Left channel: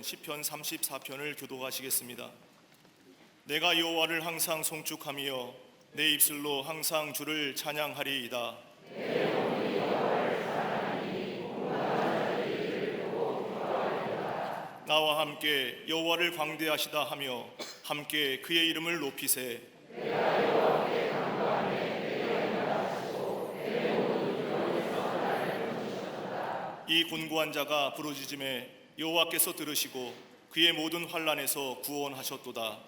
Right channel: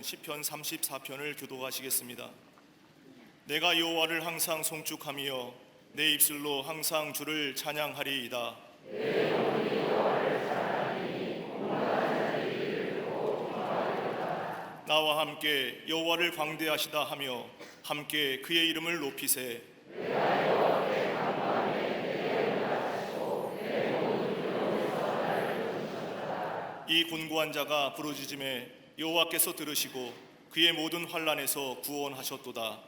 시편 34편을 교독하시겠습니다. 내가 여호와를 항상 송축하며 내 입술로 항상 주를 찬양하리이다. 나와 함께 여호와를 광대하시다 하며 함께 그의 이름을 높이세. 이 곤고한 자가 부르짖음에 여호와께서 들으시고 그의 모든 환난에서 구원하셨도다.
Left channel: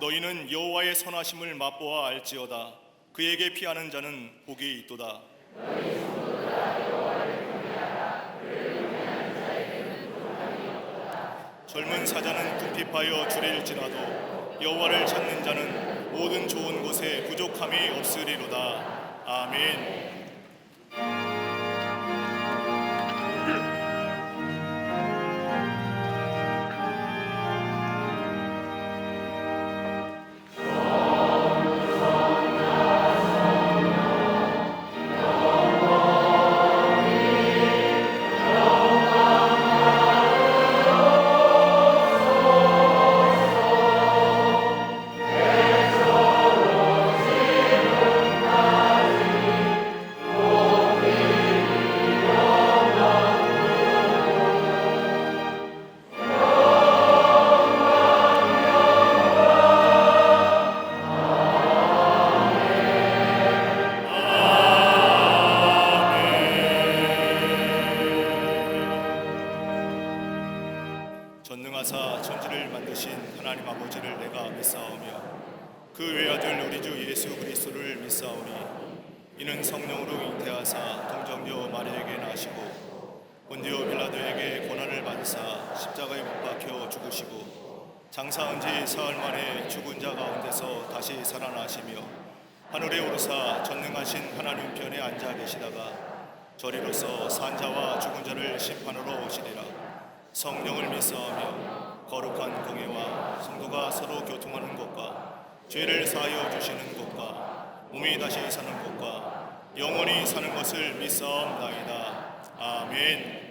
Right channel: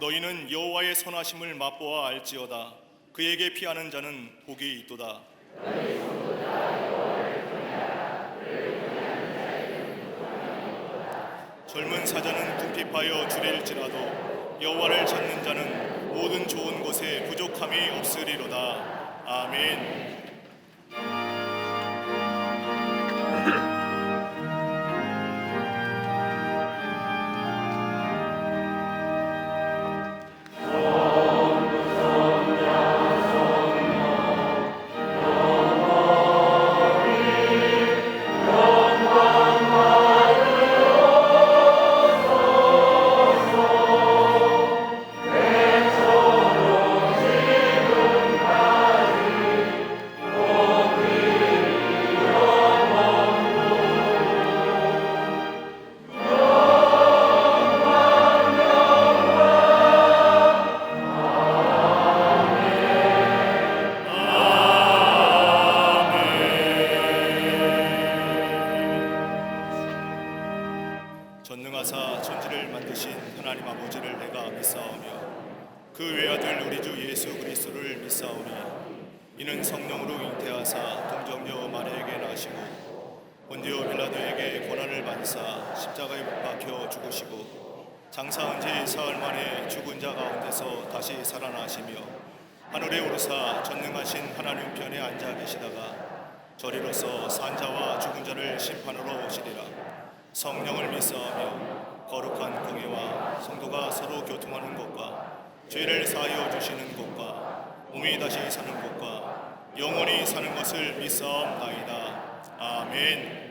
너희는 여호와의 선하심을 맛보아 알지어다. 그에게 피하는 자는 복이 있도다. 젊은 사자는 궁핍하여 줄일지라도 여호와를 찾는 자는 모든 좋은 곳에 부족함이 없으리로다. 아멘. 전능하사 천지를 만드신 하나님 아버지를 내가 믿사오며 그 외아들 우리 주 예수 그리스도를 믿사오니 이는 성령으로 잉태하사 동정녀 마리아에게 나시고 본디오 빌라도에게 고난을 받으사 십자가에 못 박혀 죽으시고 장사한 지 사흘 만에 죽은 자 가운데서 다시 살아나시며 하늘에 오르사 전능하신 하나님 편에 앉아 계시다가 저리로서 산자와 죽은 자를 심판하러 오시리라. 성령을 믿사오며 거룩한 공예와 성도가 서로 교통하는 것과 죄를 사하여 주시는 것과 몸이 다시 사는 것과 영원히 사는 것을 믿사옵나이다. 아멘.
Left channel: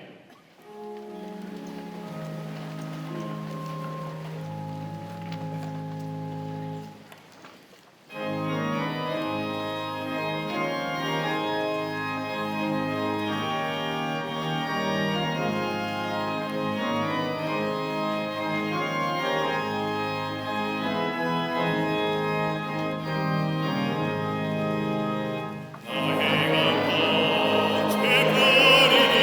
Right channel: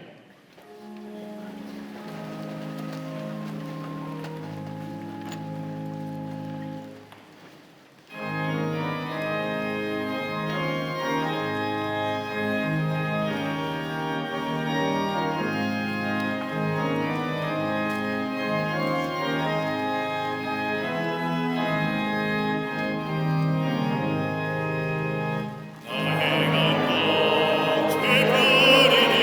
나의 감동 죄뿐이니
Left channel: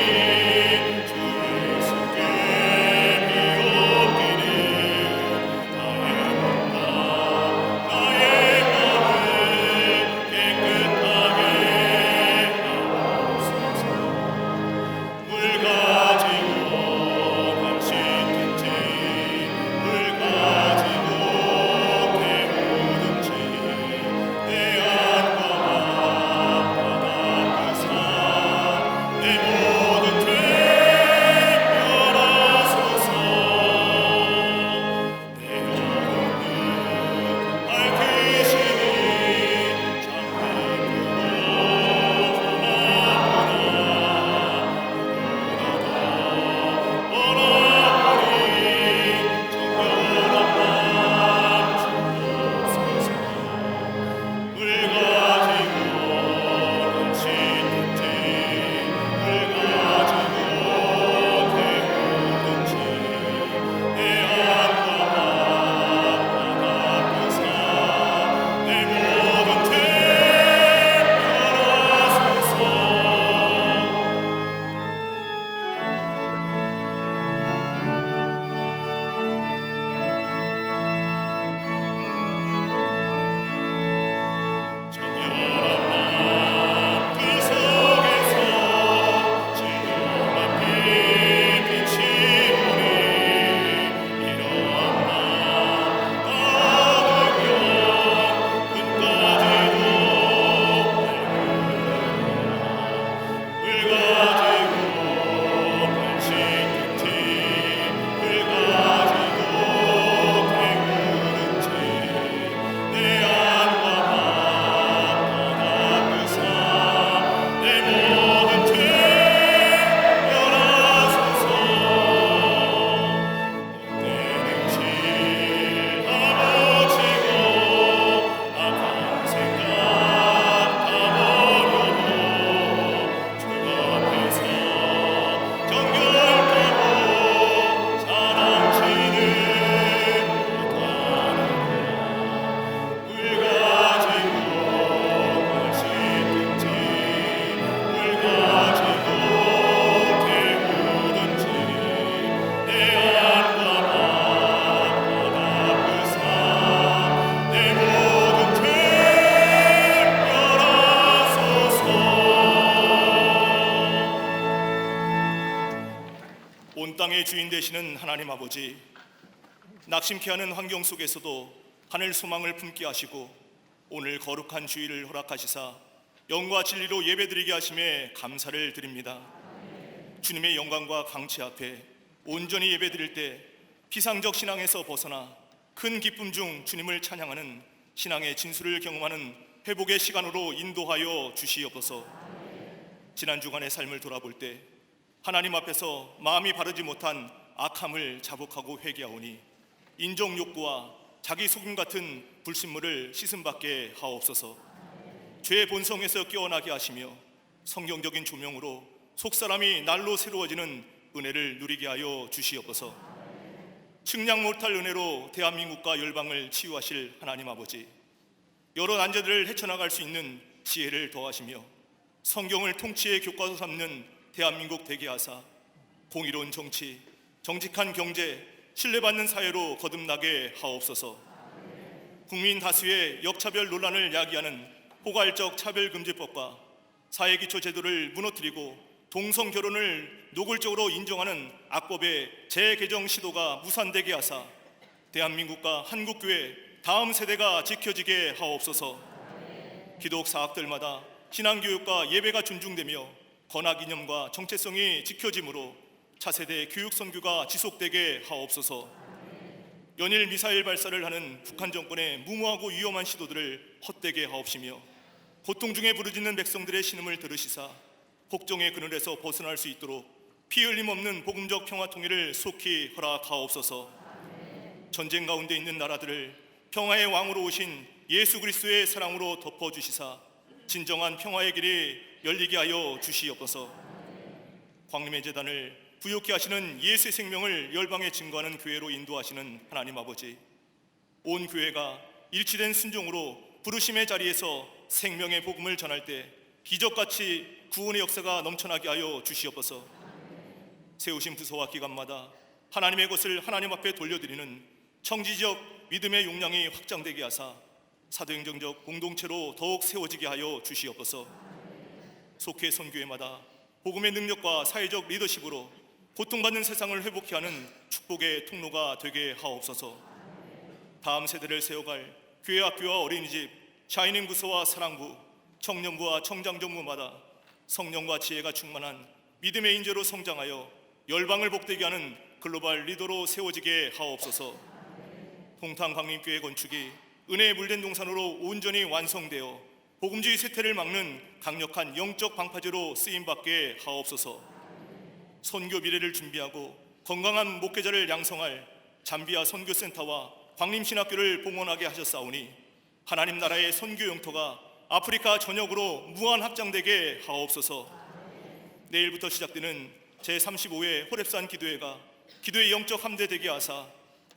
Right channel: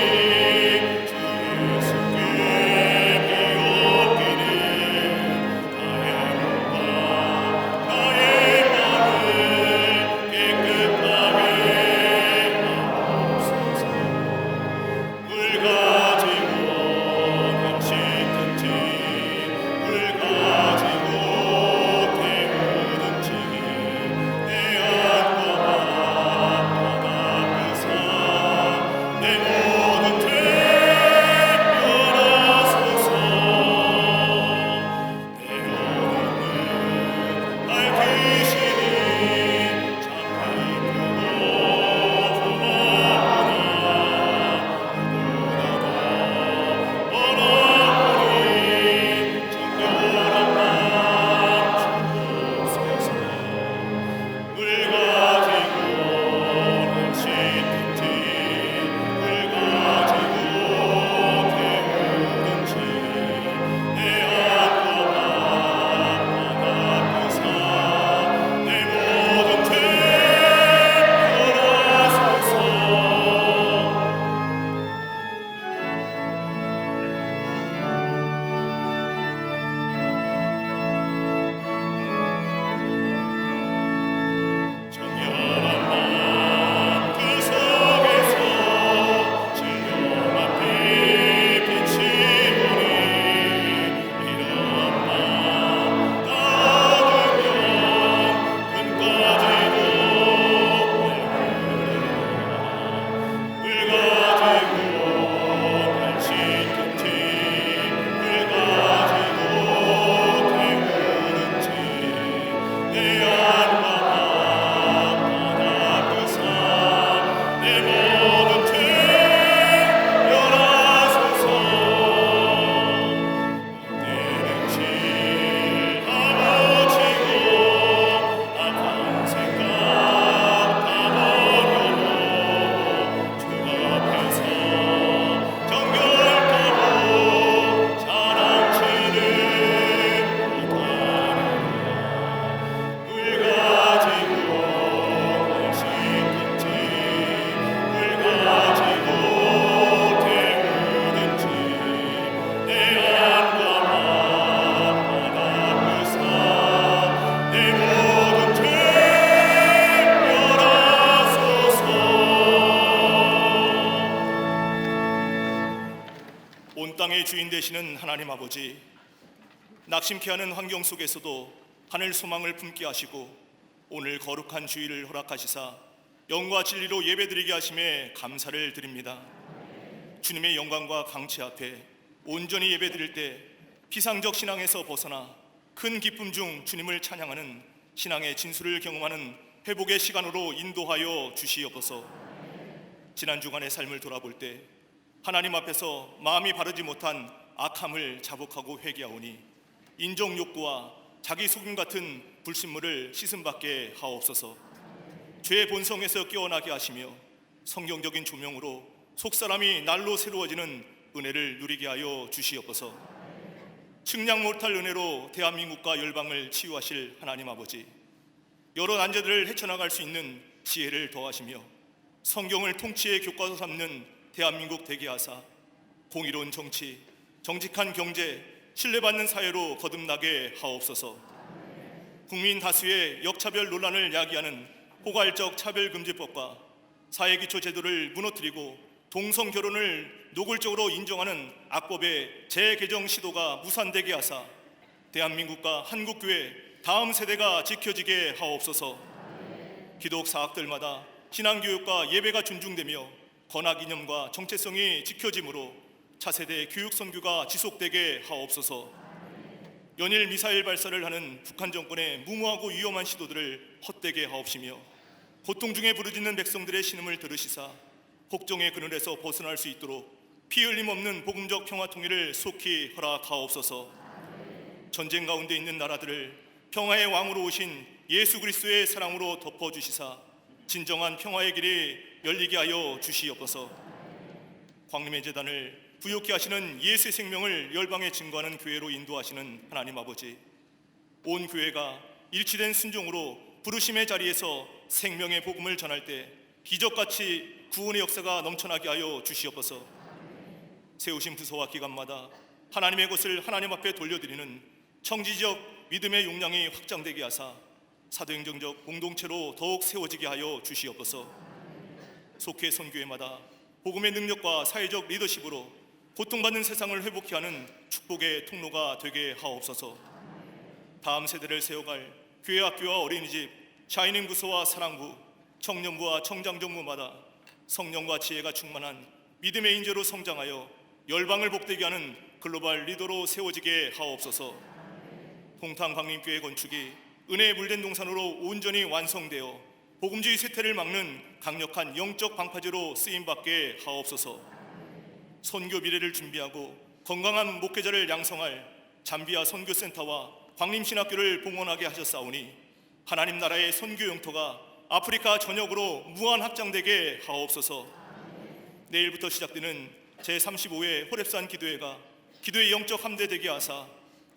세상의 주인 되시는 하나님 아버지, 낙심케 하는 환경 속에서도 하늘 소망을 품게 하시고 오늘 거룩한 주일을 허락하시사 영과 진리로 예배드리게 하심에 감사를 드립니다. 주님의 영광과 강치 앞에 온전히 예배드릴 때 피상적 신앙에서 벗어나 큰 기쁨 중 주님을 찬양하는 신앙의 진수를 경험하는 회복의 시간으로 인도하여 주시옵소서. 지난 주간의 삶을 돌아볼 때 하나님 앞에서 마음이 바르지 못한 악함을 자복하고 회개하오니 인정 욕구와 자기 속임 같은 불신물을 씻음받게 하옵소서. 죄의 본성에서 깨어나게 하시며 성경적인 조명으로 속사람이 날로 새로워지는 은혜를 누리게 하여 주시옵소서. 측량 못할 은혜로 대한민국과 열방을 치유하실 하나님 아버지, 여러 난제들을 헤쳐나갈 수 있는 지혜를 더하시며 성경을 통치의 교과서 삼는 대한민국 되게 하사 공의로운 정치, 정직한 경제, 신뢰받는 사회로 거듭나게 하옵소서. 국민 다수의 역차별 논란을 야기하는 포괄적 차별금지법과 사회기초제도를 무너뜨리고 동성결혼을 노골적으로 인정하는 악법의 재개정 시도가 무산되게 하사 대한민국과 한국교회 다음 세대가 지켜지게 하옵소서. 기독 사학들마다 신앙교육과 예배가 존중되며 건학이념과 정체성이 지켜지므로 차세대 교육 선교가 지속되게 하옵소서. 연일 미사일 발사를 하는 북한 정권의 무모하고 위험한 시도들을 헛되게 하옵시며 고통 중에 부르짖는 백성들의 신음을 들으시사 복종의 그늘에서 벗어날 수 있도록 피 흘림 없는 복음적 평화 통일을 속히 허락하옵소서. 전쟁 가운데 있는 나라들을 평화의 왕으로 오신 예수 그리스도의 사랑으로 덮어주시사 진정한 평화의 길이 열리게 하여 주시옵소서. 광림의 제단을 부욕케 하시는 예수의 생명을 열방에 증거하는 교회로 인도하시는 하나님 아버지, 온 교회가 일치된 순종으로 부르심의 자리에서 생명의 복음을 전할 때 기적같이 구원의 역사가 넘쳐나게 하여 주시옵소서. 세우신 부서와 기관마다 하나님의 것을 하나님 앞에 돌려드리는 청지적 믿음의 용량이 확장되게 하사 사도행정적 공동체로 더욱 세워지게 하여 주시옵소서. 속해 선교회마다 복음의 능력과 사회적 리더십으로 고통받는 세상을 회복케 하는 축복의 통로가 되게 하옵소서. 다음 세대를 세워갈 교회 학교와 어린이집, 샤이닝 부서와 사랑부, 청년부와 청장정부마다 성령과 지혜가 충만한 믿음의 인재로 성장하여 열방을 복되게 하는 글로벌 리더로 세워지게 하옵소서. 동탄 광림교회 건축이 은혜의 물된 동산으로 온전히 완성되어 복음주의 쇠퇴를 막는 강력한 영적 방파제로 쓰임받게 하옵소서. 선교 미래를 준비하고 건강한 목회자를 양성할 잠비아 선교센터와 광림신학교를 봉헌하게 하셨사오니 하나님 나라의 선교 영토가 아프리카 전역으로 무한 확장되게 하옵소서. 내일부터 시작되는 제35회 호렙산 기도회가 기도의 영적 함대 되게 하사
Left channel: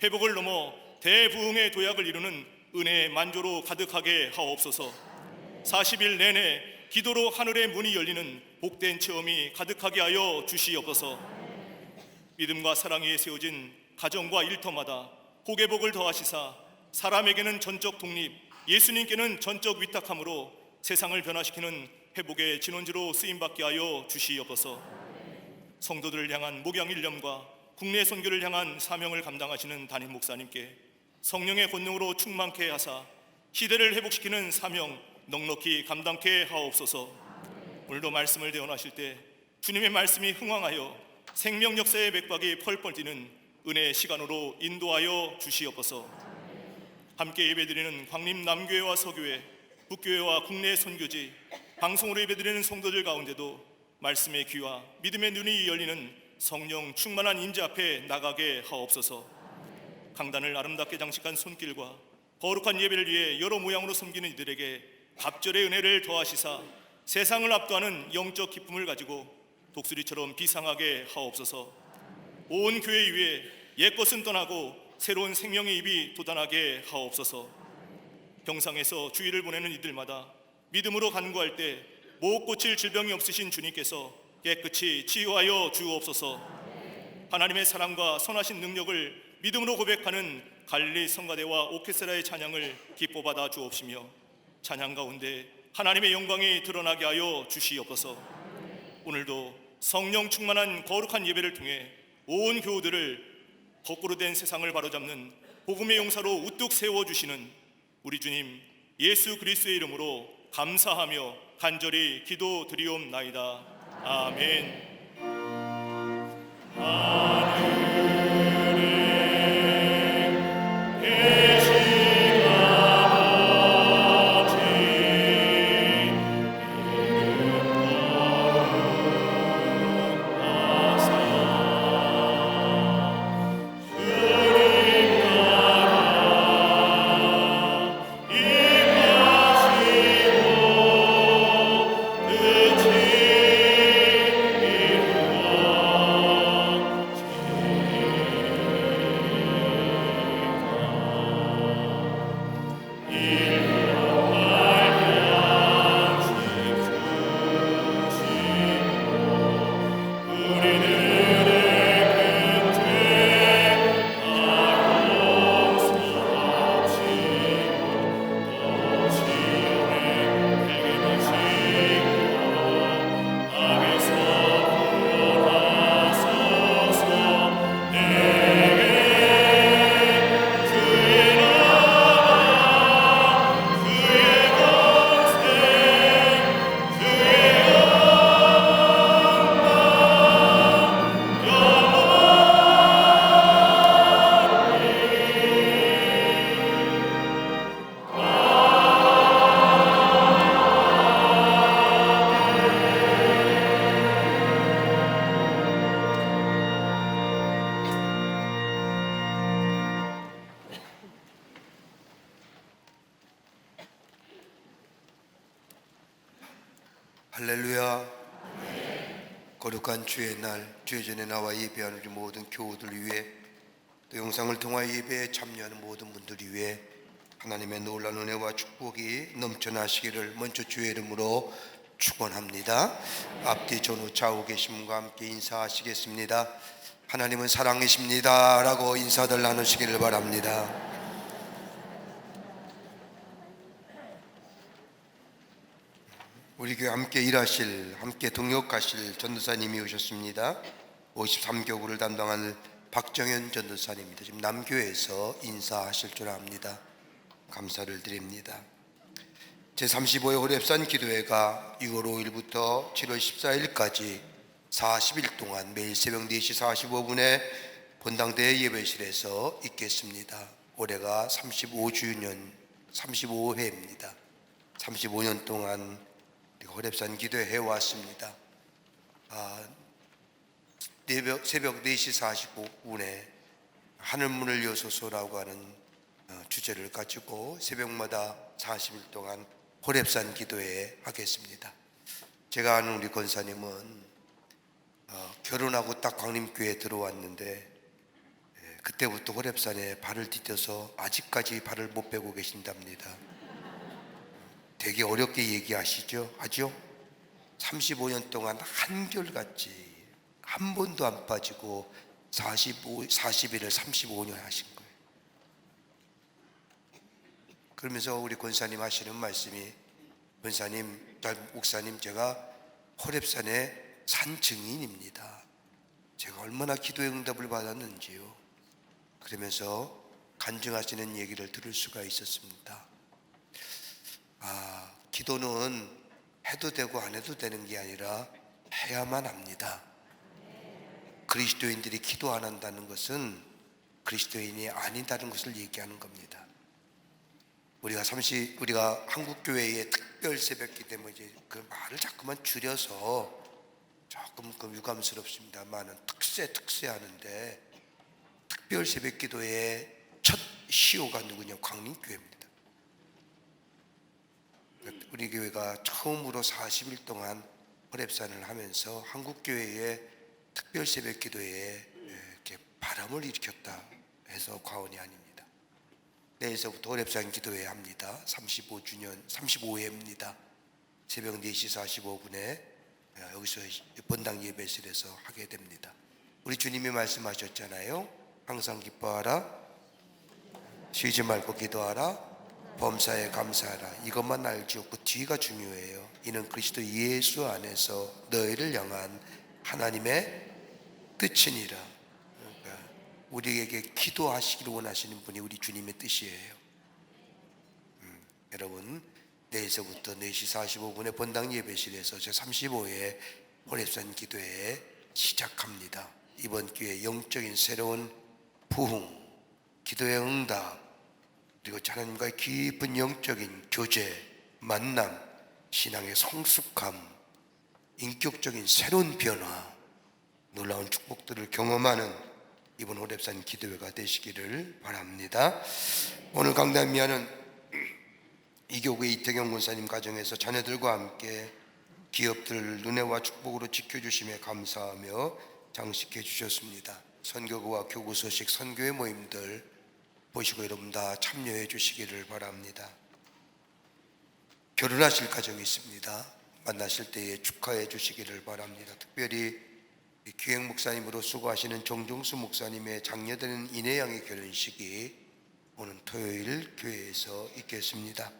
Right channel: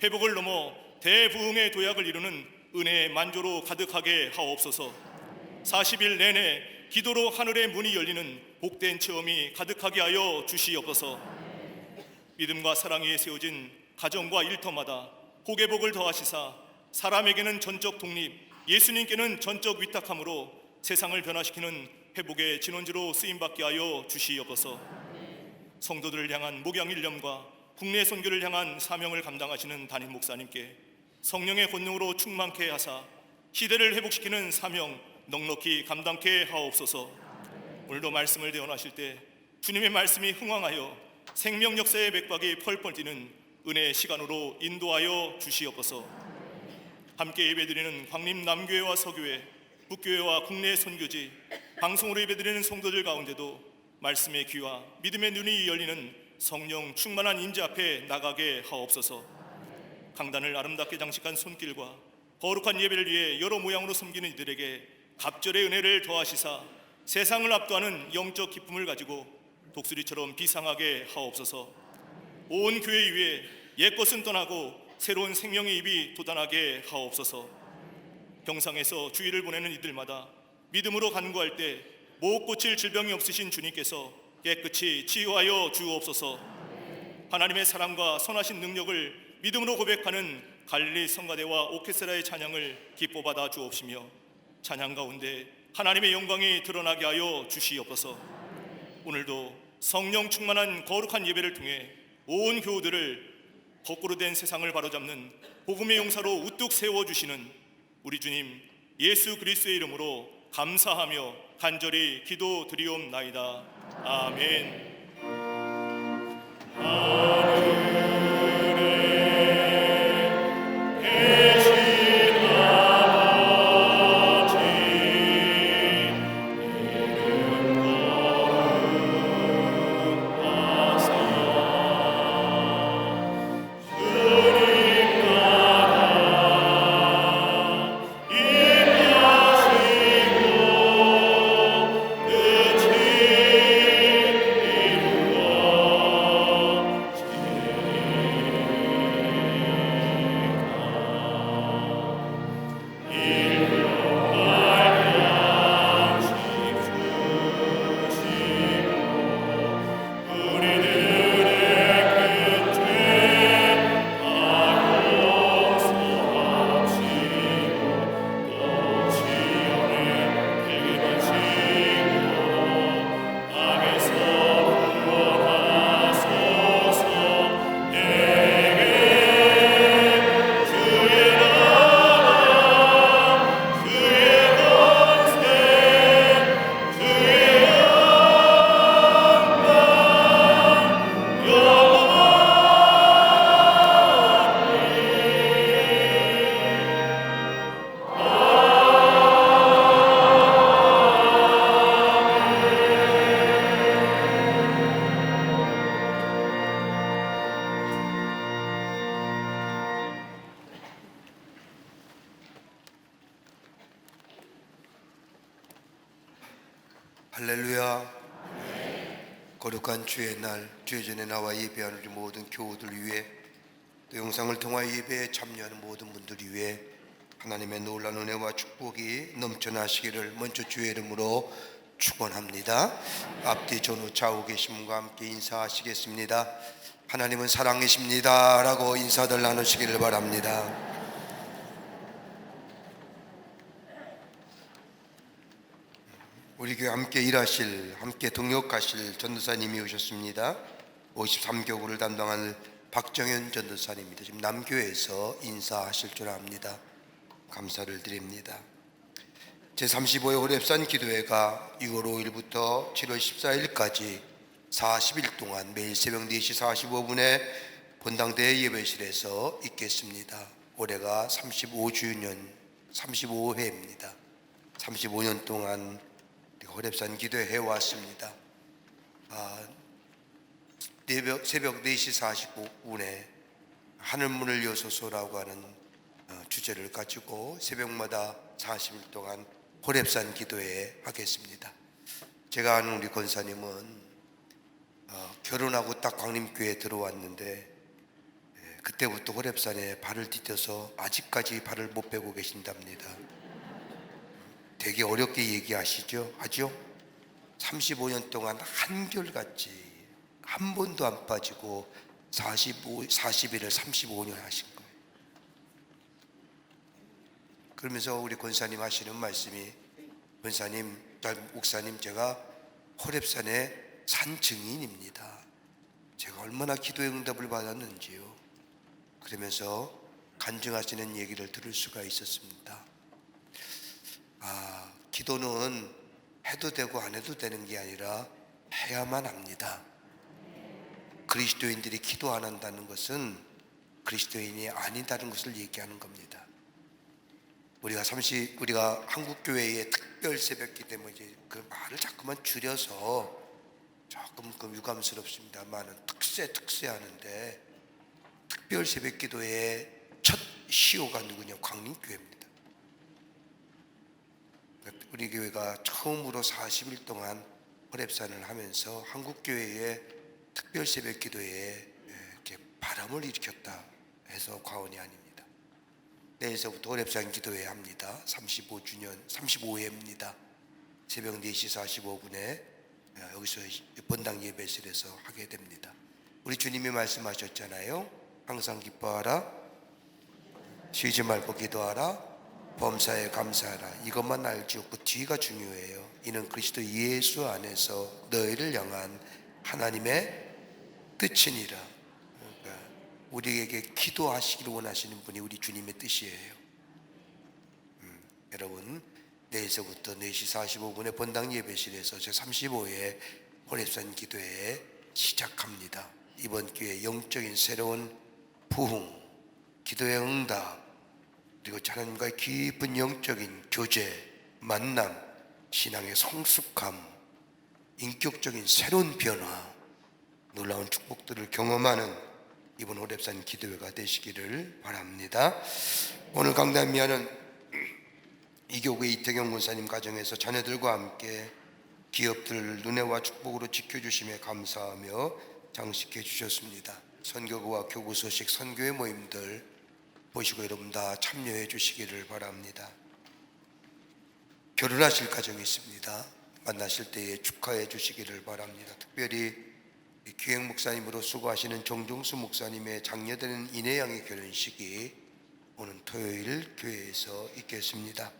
회복을 넘어 대부흥의 도약을 이루는 은혜의 만조로 가득하게 하옵소서. 40일 내내 기도로 하늘의 문이 열리는 복된 체험이 가득하게 하여 주시옵소서. 믿음과 사랑 위에 세워진 가정과 일터마다 복의 복을 더하시사 사람에게는 전적 독립, 예수님께는 전적 위탁함으로 세상을 변화시키는 회복의 진원지로 쓰임받게 하여 주시옵소서. 성도들을 향한 목양 일념과 국내 선교를 향한 사명을 감당하시는 담임 목사님께 성령의 권능으로 충만케 하사 시대를 회복시키는 사명 넉넉히 감당케 하옵소서. 오늘도 말씀을 대언하실 때 주님의 말씀이 흥왕하여 생명 역사의 맥박이 펄펄 뛰는 은혜의 시간으로 인도하여 주시옵소서. 함께 예배드리는 광림 남교회와 서교회, 북교회와 국내 선교지, 방송으로 예배드리는 성도들 가운데도 말씀의 귀와 믿음의 눈이 열리는 성령 충만한 임재 앞에 나가게 하옵소서. 강단을 아름답게 장식한 손길과 거룩한 예배를 위해 여러 모양으로 섬기는 이들에게 갑절의 은혜를 더하시사 세상을 압도하는 영적 기쁨을 가지고 독수리처럼 비상하게 하옵소서. 온 교회 위에 옛것은 떠나고 새로운 생명의 입이 돋아나게 하옵소서. 병상에서 주일을 보내는 이들마다 믿음으로 간구할 때 못 고칠 질병이 없으신 주님께서 깨끗이 치유하여 주옵소서. 하나님의 사랑과 선하신 능력을 믿음으로 고백하는 갈릴리 성가대와 오케스트라의 찬양을 기뻐 받아 주옵시며 찬양 가운데 하나님의 영광이 드러나게 하여 주시옵소서. 오늘도 성령 충만한 거룩한 예배를 통해 온 교우들을 거꾸로 된 세상을 바로잡는 복음의 용사로 우뚝 세워주시는 우리 주님 예수 그리스도의 이름으로 감사하며 간절히 기도드리옵나이다. 아멘. 할렐루야. 거룩한 주의 날, 주의 전에 나와 예배하는 우리 모든 교우들 위해, 또 영상을 통하여 예배에 참여하는 모든 분들 위해 하나님의 놀라운 은혜와 축복이 넘쳐나시기를 먼저 주의 이름으로 축원합니다. 앞뒤 전후 좌우 계신 분과 함께 인사하시겠습니다. 하나님은 사랑이십니다 라고 인사들 나누시기를 바랍니다. 우리 교회 함께 일하실, 함께 동역하실 전도사님이 오셨습니다. 53교구를 담당하는 박정현 전도사님입니다. 지금 남교회에서 인사하실 줄 압니다. 감사를 드립니다. 제35회 호렙산 기도회가 6월 5일부터 7월 14일까지 40일 동안 매일 새벽 4시 45분에 본당대 예배실에서 있겠습니다. 올해가 35주년, 35회입니다. 35년 동안 호렙산 기도회 해왔습니다. 새벽 4시 45분에 하늘문을 여소서라고 하는 주제를 가지고 새벽마다 40일 동안 호렙산 기도회 하겠습니다. 제가 아는 우리 권사님은 결혼하고 딱 광림교회에 들어왔는데 그때부터 호렙산에 발을 디뎌서 아직까지 발을 못 빼고 계신답니다. 되게 어렵게 얘기하시죠? 하죠? 35년 동안 한결같이 한 번도 안 빠지고 40일을 35년 하신 거예요. 그러면서 우리 권사님 하시는 말씀이, 권사님, 목사님, 제가 호렙산의 산 증인입니다. 제가 얼마나 기도의 응답을 받았는지요. 그러면서 간증하시는 얘기를 들을 수가 있었습니다. 기도는 해도 되고 안 해도 되는 게 아니라 해야만 합니다. 그리스도인들이 기도 안 한다는 것은 그리스도인이 아니다는 것을 얘기하는 겁니다. 우리가 한국교회의 특별 새벽기 때문에 이제 그 말을 자꾸만 줄여서 조금 유감스럽습니다만은 특세 하는데, 특별 새벽기도의 첫 시호가 누구냐? 광림교회입니다. 우리 교회가 처음으로 40일 동안 호렙산을 하면서 한국교회의 특별 새벽 기도에 이렇게 바람을 일으켰다 해서 과언이 아닙니다. 내일서부터 호렙산 기도회 합니다. 35회입니다. 새벽 4시 45분에 여기서 본당 예배실에서 하게 됩니다. 우리 주님이 말씀하셨잖아요. 항상 기뻐하라, 쉬지 말고 기도하라, 범사에 감사하라. 이것만 알죠. 그 뒤가 중요해요. 이는 그리스도 예수 안에서 너희를 향한 하나님의 뜻이니라. 우리에게 기도하시기를 원하시는 분이 우리 주님의 뜻이에요. 여러분, 내일서부터 4시 45분에 본당 예배실에서 제35회 호렙산 기도회 시작합니다. 이번 기회에 영적인 새로운 부흥, 기도의 응답, 그리고 하나님과의 깊은 영적인 교제, 만남, 신앙의 성숙함, 인격적인 새로운 변화, 놀라운 축복들을 경험하는 이번 호렙산 기도회가 되시기를 바랍니다. 오늘 강단미하는 이교구의 이태경 권사님 가정에서 자녀들과 함께 기업들 은혜와 축복으로 지켜주심에 감사하며 장식해 주셨습니다. 선교구와 교구 소식 선교회 모임들 보시고 여러분 다 참여해 주시기를 바랍니다. 결혼하실 가정이 있습니다. 만나실 때에 축하해 주시기를 바랍니다. 특별히 기행 목사님으로 수고하시는 정종수 목사님의 장녀되는 인혜양의 결혼식이 오는 토요일 교회에서 있겠습니다.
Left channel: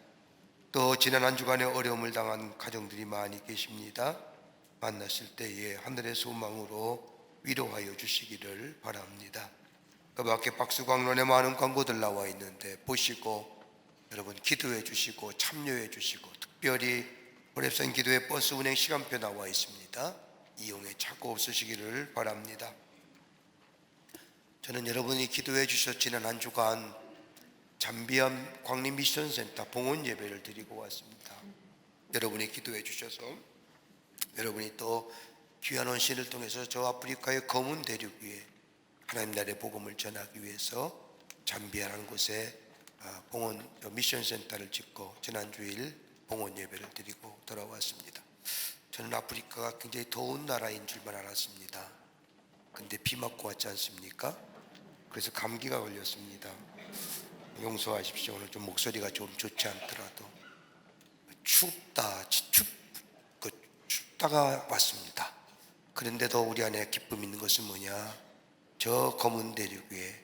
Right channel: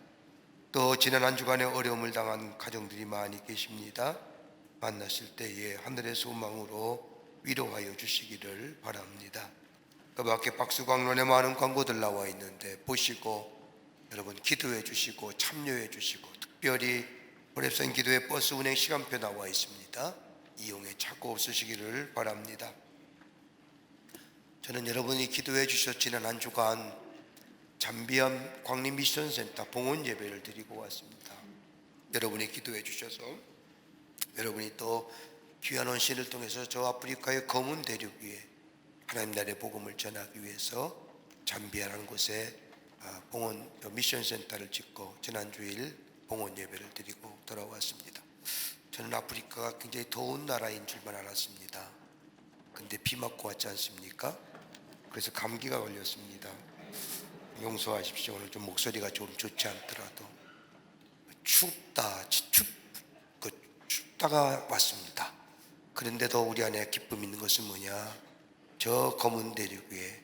또 지난 한 주간에 어려움을 당한 가정들이 많이 계십니다. 만나실 때에 하늘의 소망으로 위로하여 주시기를 바랍니다. 그 밖에 박수광론에 많은 광고들 나와 있는데 보시고 여러분 기도해 주시고 참여해 주시고, 특별히 호렙산 기도회 버스 운행 시간표 나와 있습니다. 이용에 착오 없으시기를 바랍니다. 저는 여러분이 기도해 주셔서 지난 한 주간 잠비암 광림 미션센터 봉헌 예배를 드리고 왔습니다. 여러분이 기도해 주셔서 여러분이 또 귀한 헌신을 통해서 저 아프리카의 검은 대륙 위에 하나님 나라의 복음을 전하기 위해서 잠비아라는 곳에 봉헌 미션센터를 짓고 지난 주일 봉헌 예배를 드리고 돌아왔습니다. 저는 아프리카가 굉장히 더운 나라인 줄만 알았습니다. 근데 비 맞고 왔지 않습니까? 그래서 감기가 걸렸습니다. 용서하십시오. 오늘 좀 목소리가 좀 좋지 않더라도 춥다가 왔습니다. 그런데도 우리 안에 기쁨이 있는 것은 뭐냐? 저 검은 대륙 위에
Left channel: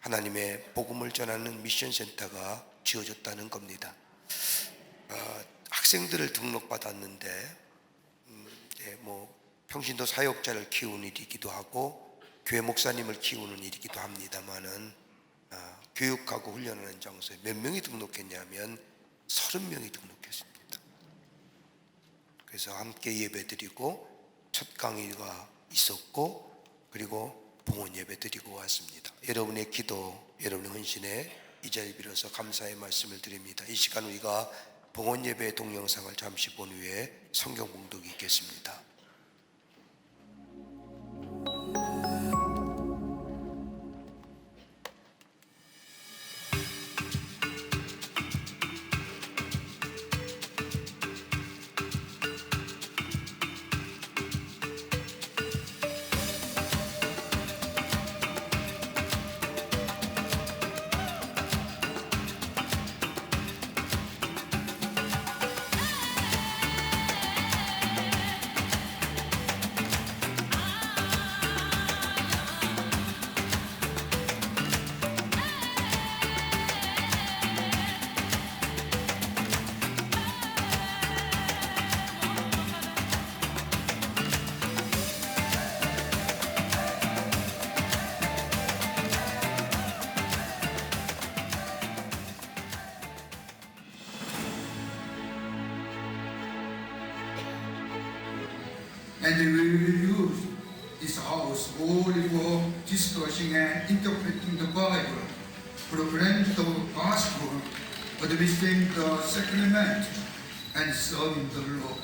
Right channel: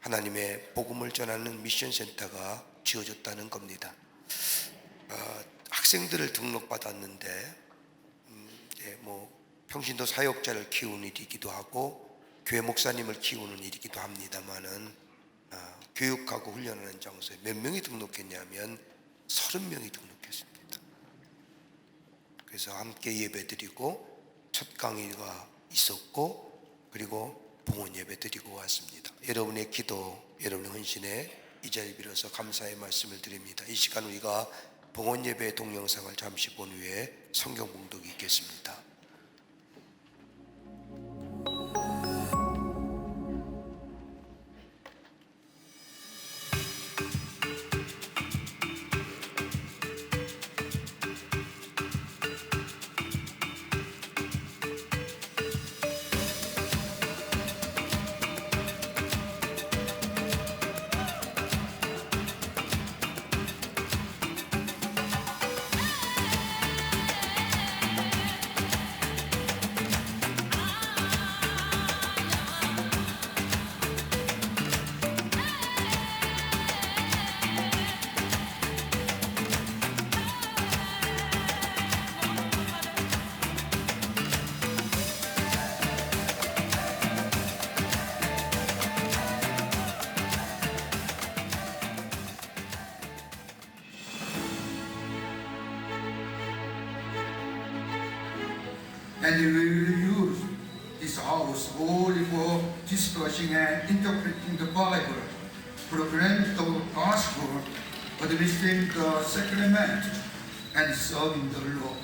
하나님의 복음을 전하는 미션센터가 지어졌다는 겁니다. 학생들을 등록받았는데 평신도 사역자를 키우는 일이기도 하고 교회 목사님을 키우는 일이기도 합니다만은 교육하고 훈련하는 장소에 몇 명이 등록했냐면 30명이 등록했습니다. 그래서 함께 예배드리고 첫 강의가 있었고 그리고 봉헌 예배드리고 왔습니다. 여러분의 기도, 여러분의 헌신에 이 자리 빌어서 감사의 말씀을 드립니다. 이 시간 우리가 봉헌 예배의 동영상을 잠시 본 후에 성경 봉독이 있겠습니다. And we will use this house only for discussing and interpreting the Bible, proclaiming the gospel, administering the sacrament, and serving the Lord.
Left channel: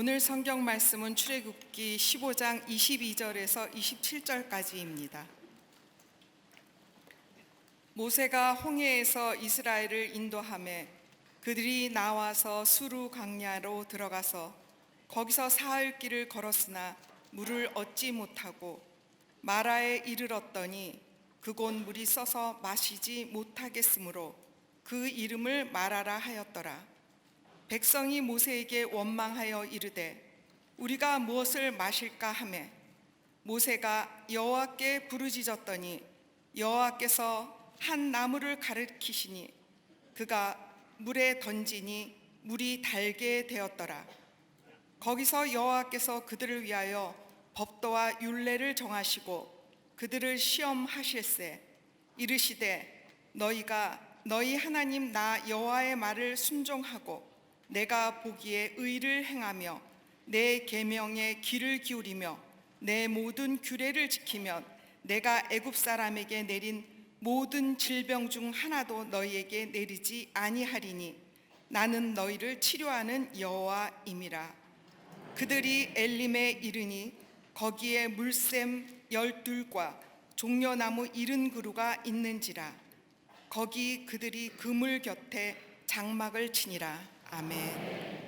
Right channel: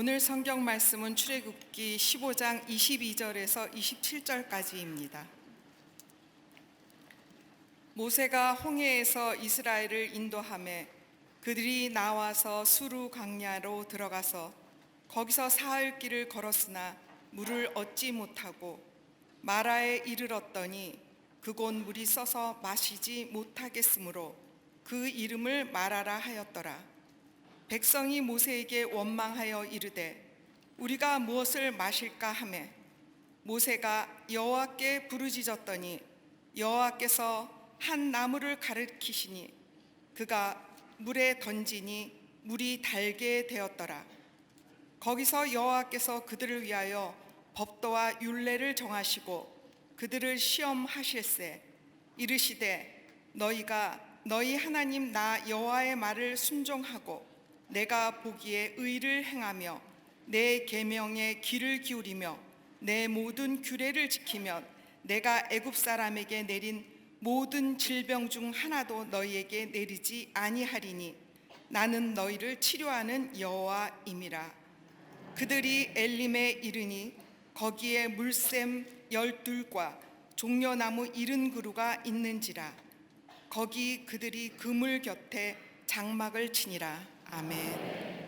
오늘 성경 말씀은 출애굽기 15장 22절에서 27절까지입니다. 모세가 홍해에서 이스라엘을 인도하매 그들이 나와서 수루 광야로 들어가서 거기서 사흘 길을 걸었으나 물을 얻지 못하고 마라에 이르렀더니 그곳 물이 써서 마시지 못하겠으므로 그 이름을 마라라 하였더라. 백성이 모세에게 원망하여 이르되 우리가 무엇을 마실까 하매 모세가 여호와께 부르짖었더니 여호와께서 한 나무를 가리키시니 그가 물에 던지니 물이 달게 되었더라. 거기서 여호와께서 그들을 위하여 법도와 율례를 정하시고 그들을 시험하실세 이르시되 너희가 너희 하나님 나 여호와의 말을 순종하고 내가 보기에 의를 행하며 내 계명에 귀를 기울이며 내 모든 규례를 지키면 내가 애굽 사람에게 내린 모든 질병 중 하나도 너희에게 내리지 아니하리니 나는 너희를 치료하는 여호와임이라. 그들이 엘림에 이르니 거기에 물샘 12과 종려나무 70그루가 있는지라. 거기 그들이 그물 곁에 장막을 치니라. 아멘.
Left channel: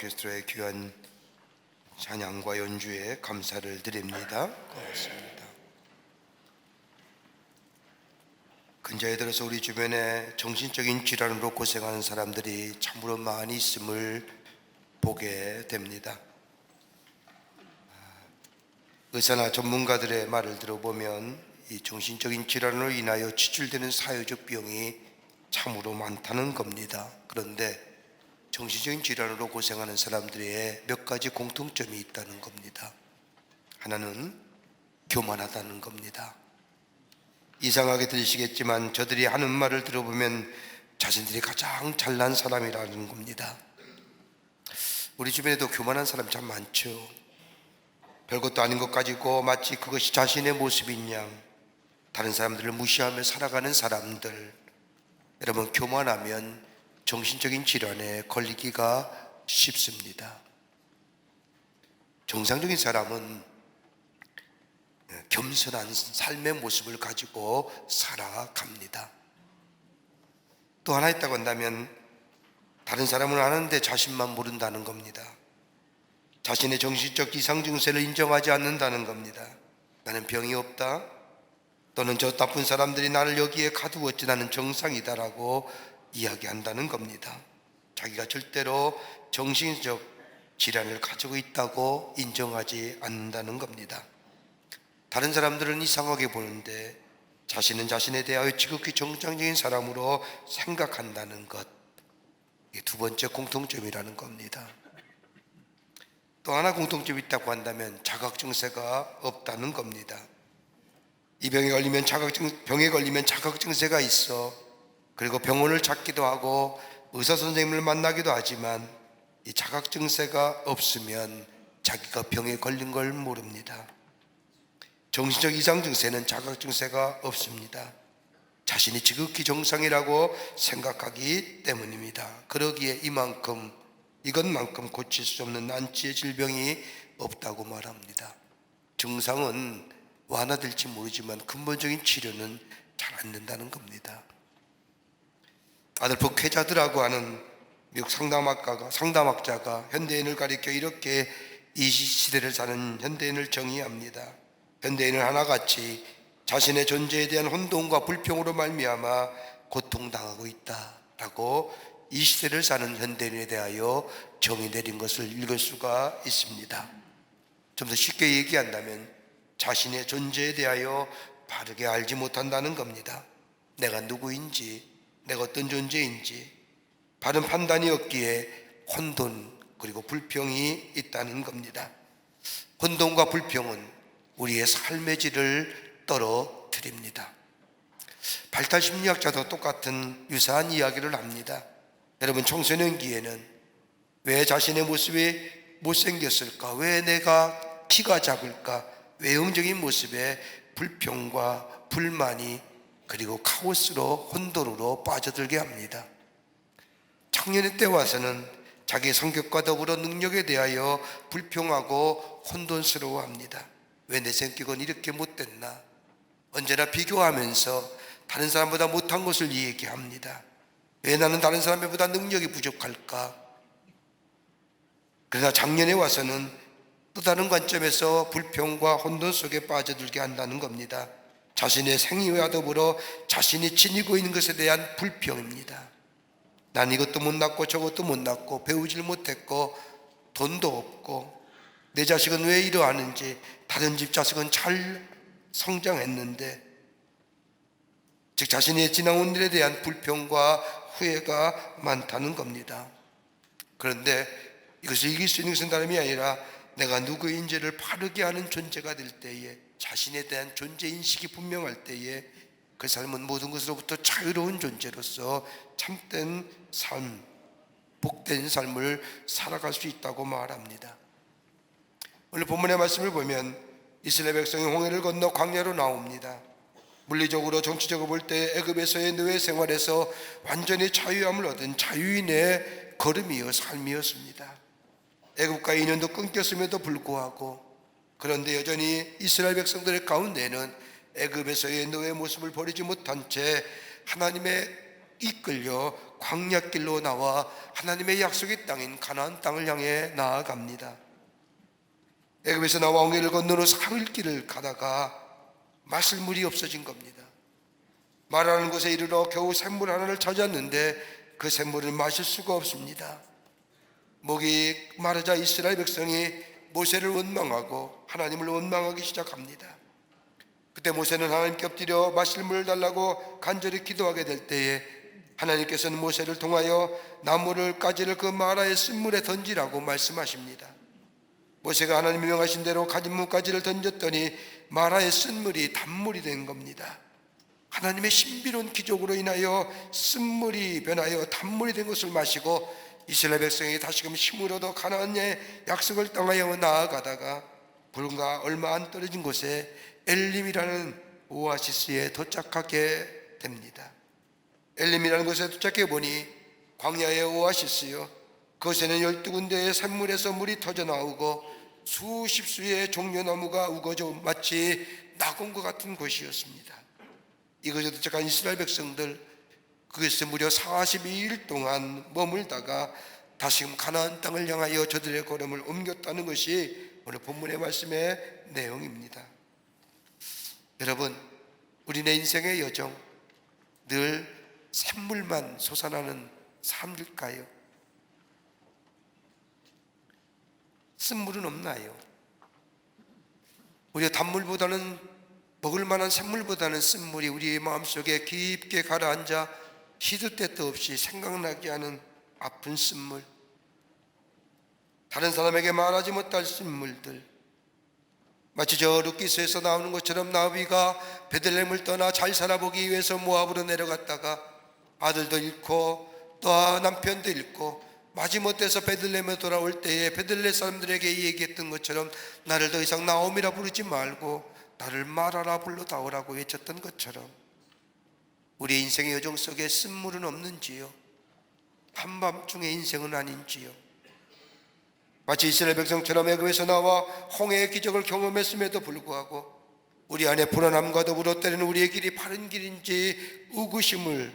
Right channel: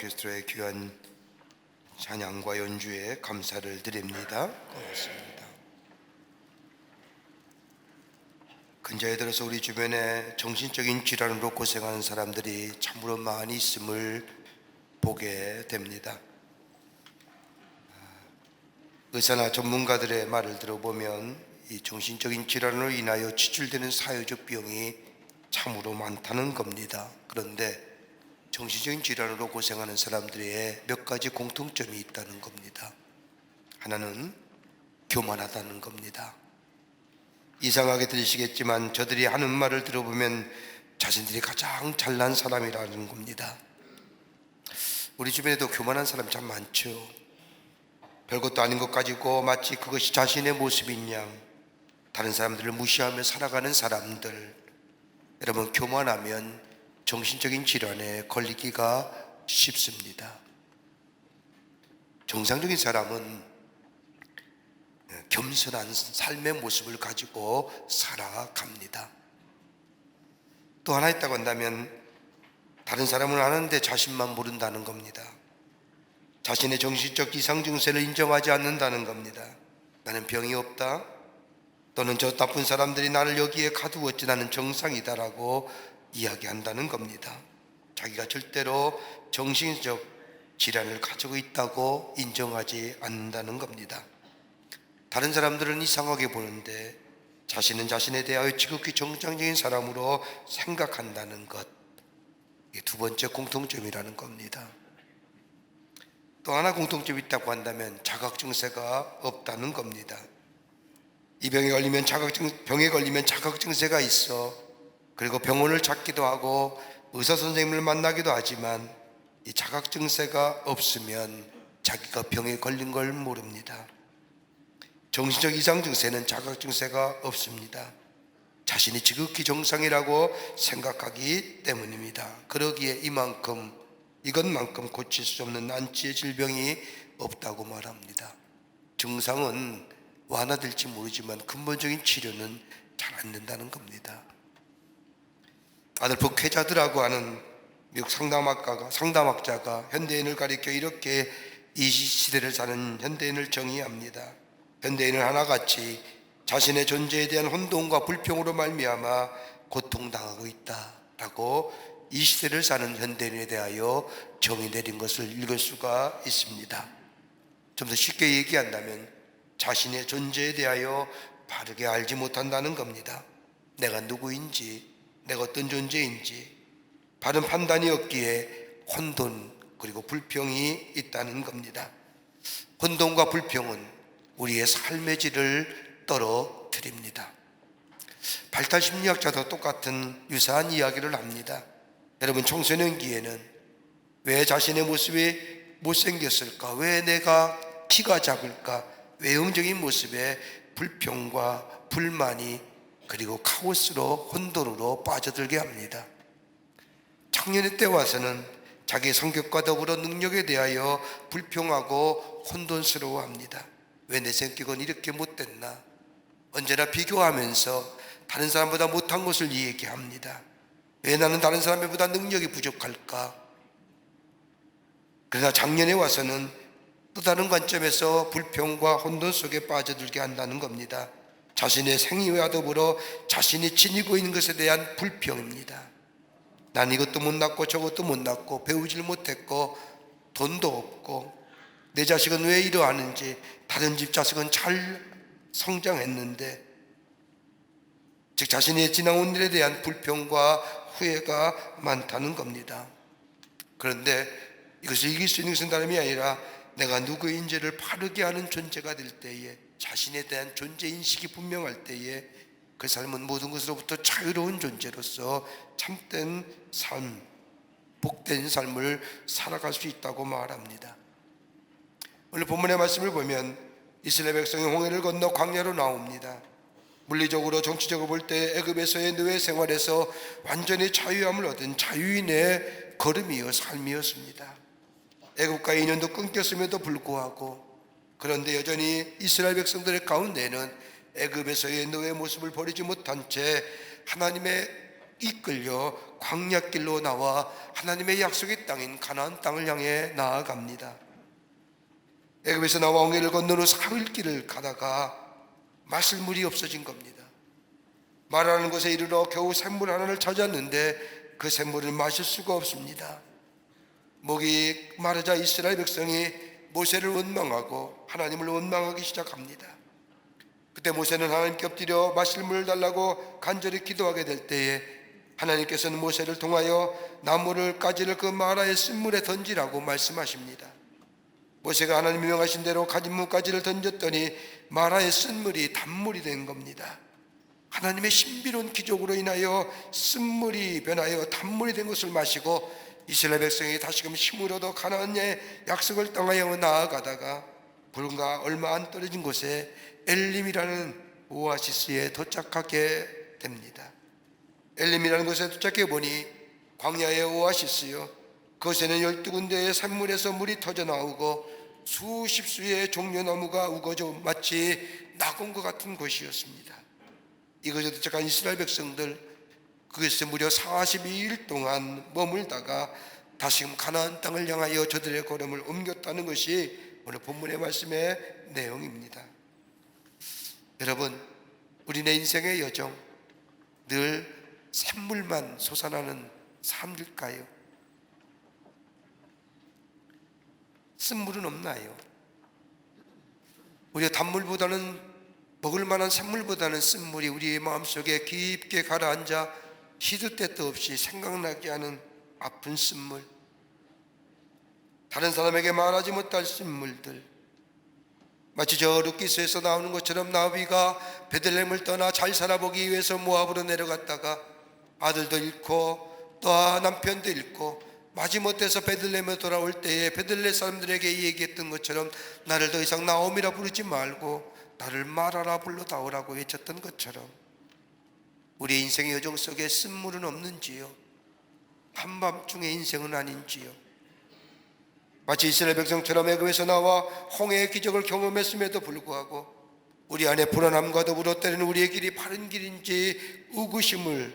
오케스트라의 귀한 찬양과 연주에 감사를 드립니다. 고맙습니다. 근자에 들어서 우리 주변에 정신적인 질환으로 고생하는 사람들이 참으로 많이 있음을 보게 됩니다. 의사나 전문가들의 말을 들어보면 이 정신적인 질환으로 인하여 치출되는 사회적 비용이 참으로 많다는 겁니다. 그런데 정신적인 질환으로 고생하는 사람들의 몇 가지 공통점이 있다는 겁니다. 하나는 교만하다는 겁니다. 이상하게 들리시겠지만 저들이 하는 말을 들어보면 자신들이 가장 잘난 사람이라는 겁니다. 우리 주변에도 교만한 사람 참 많죠. 별것도 아닌 것 가지고 마치 그것이 자신의 모습인 양 다른 사람들을 무시하며 살아가는 사람들. 여러분, 교만하면 정신적인 질환에 걸리기가 쉽습니다. 정상적인 사람은 겸손한 삶의 모습을 가지고 살아갑니다. 또 하나 있다고 한다면 다른 사람은 아는데 자신만 모른다는 겁니다. 자신의 정신적 이상 증세를 인정하지 않는다는 겁니다. 나는 병이 없다, 또는 저 나쁜 사람들이 나를 여기에 가두었지 나는 정상이다라고 이야기한다는 겁니다. 자기가 절대로 정신적 질환을 가지고 있다고 인정하지 않는다는 겁니다. 다른 사람들은 이상하게 보는데 자신은 자신에 대하여 지극히 정상적인 사람으로 생각한다는 것, 이게 두 번째 공통점이라는 겁니다. 또 하나 공통점이 있다고 한다면 자각 증세가 없다는 겁니다. 이 병에 걸리면 자각 증세가 있어. 그리고 병원을 찾기도 하고 의사 선생님을 만나기도 하지만 이 자각 증세가 없으면 자기가 병에 걸린 걸 모릅니다. 정신적 이상 증세는 자각 증세가 없습니다. 자신이 지극히 정상이라고 생각하기 때문입니다. 그러기에 이것만큼 고칠 수 없는 난치의 질병이 없다고 말합니다. 증상은 완화될지 모르지만 근본적인 치료는 잘 안 된다는 겁니다. 아들포 쾌자드라고 하는 미국 상담학자가 현대인을 가리켜 이렇게 이 시대를 사는 현대인을 정의합니다. 현대인은 하나같이 자신의 존재에 대한 혼돈과 불평으로 말미암아 고통당하고 있다라고 이 시대를 사는 현대인에 대하여 정의 내린 것을 읽을 수가 있습니다. 좀 더 쉽게 얘기한다면 자신의 존재에 대하여 바르게 알지 못한다는 겁니다. 내가 누구인지, 내가 어떤 존재인지 바른 판단이 없기에 혼돈 그리고 불평이 있다는 겁니다. 혼돈과 불평은 우리의 삶의 질을 떨어뜨립니다. 발달 심리학자도 똑같은 유사한 이야기를 합니다. 여러분, 청소년기에는 왜 자신의 모습이 못생겼을까? 왜 내가 키가 작을까? 외형적인 모습에 불평과 불만이 그리고 카오스로 혼돈으로 빠져들게 합니다. 청년의 때 와서는 자기 성격과 더불어 능력에 대하여 불평하고 혼돈스러워합니다. 왜 내 성격은 이렇게 못됐나? 언제나 비교하면서 다른 사람보다 못한 것을 얘기합니다. 왜 나는 다른 사람보다 능력이 부족할까? 그러나 작년에 와서는 또 다른 관점에서 불평과 혼돈 속에 빠져들게 한다는 겁니다. 자신의 생애와 더불어 자신이 지니고 있는 것에 대한 불평입니다. 난 이것도 못 낳고 저것도 못 낳고 배우질 못했고 돈도 없고 내 자식은 왜 이러하는지, 다른 집 자식은 잘 성장했는데, 즉 자신의 지나온 일에 대한 불평과 후회가 많다는 겁니다. 그런데 이것을 이길 수 있는 것은 다름이 아니라 내가 누구인지를 바르게 아는 존재가 될 때에, 자신에 대한 존재인식이 분명할 때에 그 삶은 모든 것으로부터 자유로운 존재로서 참된 삶, 복된 삶을 살아갈 수 있다고 말합니다. 오늘 본문의 말씀을 보면 이스라엘 백성이 홍해를 건너 광야로 나옵니다. 물리적으로 정치적으로 볼 때 애굽에서의 노예 생활에서 완전히 자유함을 얻은 자유인의 걸음이요 삶이었습니다. 애굽과 인연도 끊겼음에도 불구하고, 그런데 여전히 이스라엘 백성들의 가운데에는 애굽에서의 노예 모습을 버리지 못한 채 하나님의 이끌려 광야길로 나와 하나님의 약속의 땅인 가나안 땅을 향해 나아갑니다. 애굽에서 나와 홍해를 건너러 사흘길을 가다가 마실 물이 없어진 겁니다. 마라는 곳에 이르러 겨우 샘물 하나를 찾았는데 그 샘물을 마실 수가 없습니다. 목이 마르자 이스라엘 백성이 모세를 원망하고 하나님을 원망하기 시작합니다. 그때 모세는 하나님께 엎드려 마실 물을 달라고 간절히 기도하게 될 때에 하나님께서는 모세를 통하여 나무를 가지를 그 마라의 쓴물에 던지라고 말씀하십니다. 모세가 하나님이 명하신 대로 가진 가지를 던졌더니 마라의 쓴물이 단물이 된 겁니다. 하나님의 신비로운 기적으로 인하여 쓴물이 변하여 단물이 된 것을 마시고 이스라엘 백성이 다시금 힘을 얻어 가나안의 약속을 땅하여 나아가다가 불과 얼마 안 떨어진 곳에 엘림이라는 오아시스에 도착하게 됩니다. 엘림이라는 곳에 도착해 보니 광야의 오아시스요, 그곳에는 12군데의 샘물에서 물이 터져 나오고 수십 수의 종려나무가 우거져 마치 낙원과 같은 곳이었습니다. 이곳에 도착한 이스라엘 백성들, 그것에 무려 42일 동안 머물다가 다시금 가나안 땅을 향하여 저들의 걸음을 옮겼다는 것이 오늘 본문의 말씀의 내용입니다. 여러분, 우리네 인생의 여정 늘 샘물만 솟아나는 삶일까요? 쓴물은 없나요? 우리가 단물보다는, 먹을 만한 샘물보다는 쓴물이 우리의 마음속에 깊게 가라앉아 시도 때도 없이 생각나게 하는 아픈 쓴물, 다른 사람에게 말하지 못할 쓴물들, 마치 저 루키스에서 나오는 것처럼 나비가 베들레헴을 떠나 잘 살아보기 위해서 모압으로 내려갔다가 아들도 잃고 또 남편도 잃고 마지못해서 베들레헴에 돌아올 때에 베들레헴 사람들에게 얘기했던 것처럼 나를 더 이상 나옴이라 부르지 말고 나를 마라라 불러다오라고 외쳤던 것처럼 우리의 인생의 여정 속에 쓴물은 없는지요? 한밤중의 인생은 아닌지요? 마치 이스라엘 백성처럼 애굽에서 나와 홍해의 기적을 경험했음에도 불구하고 우리 안에 불안함과 더불어 때로는 우리의 길이 바른 길인지 의구심을,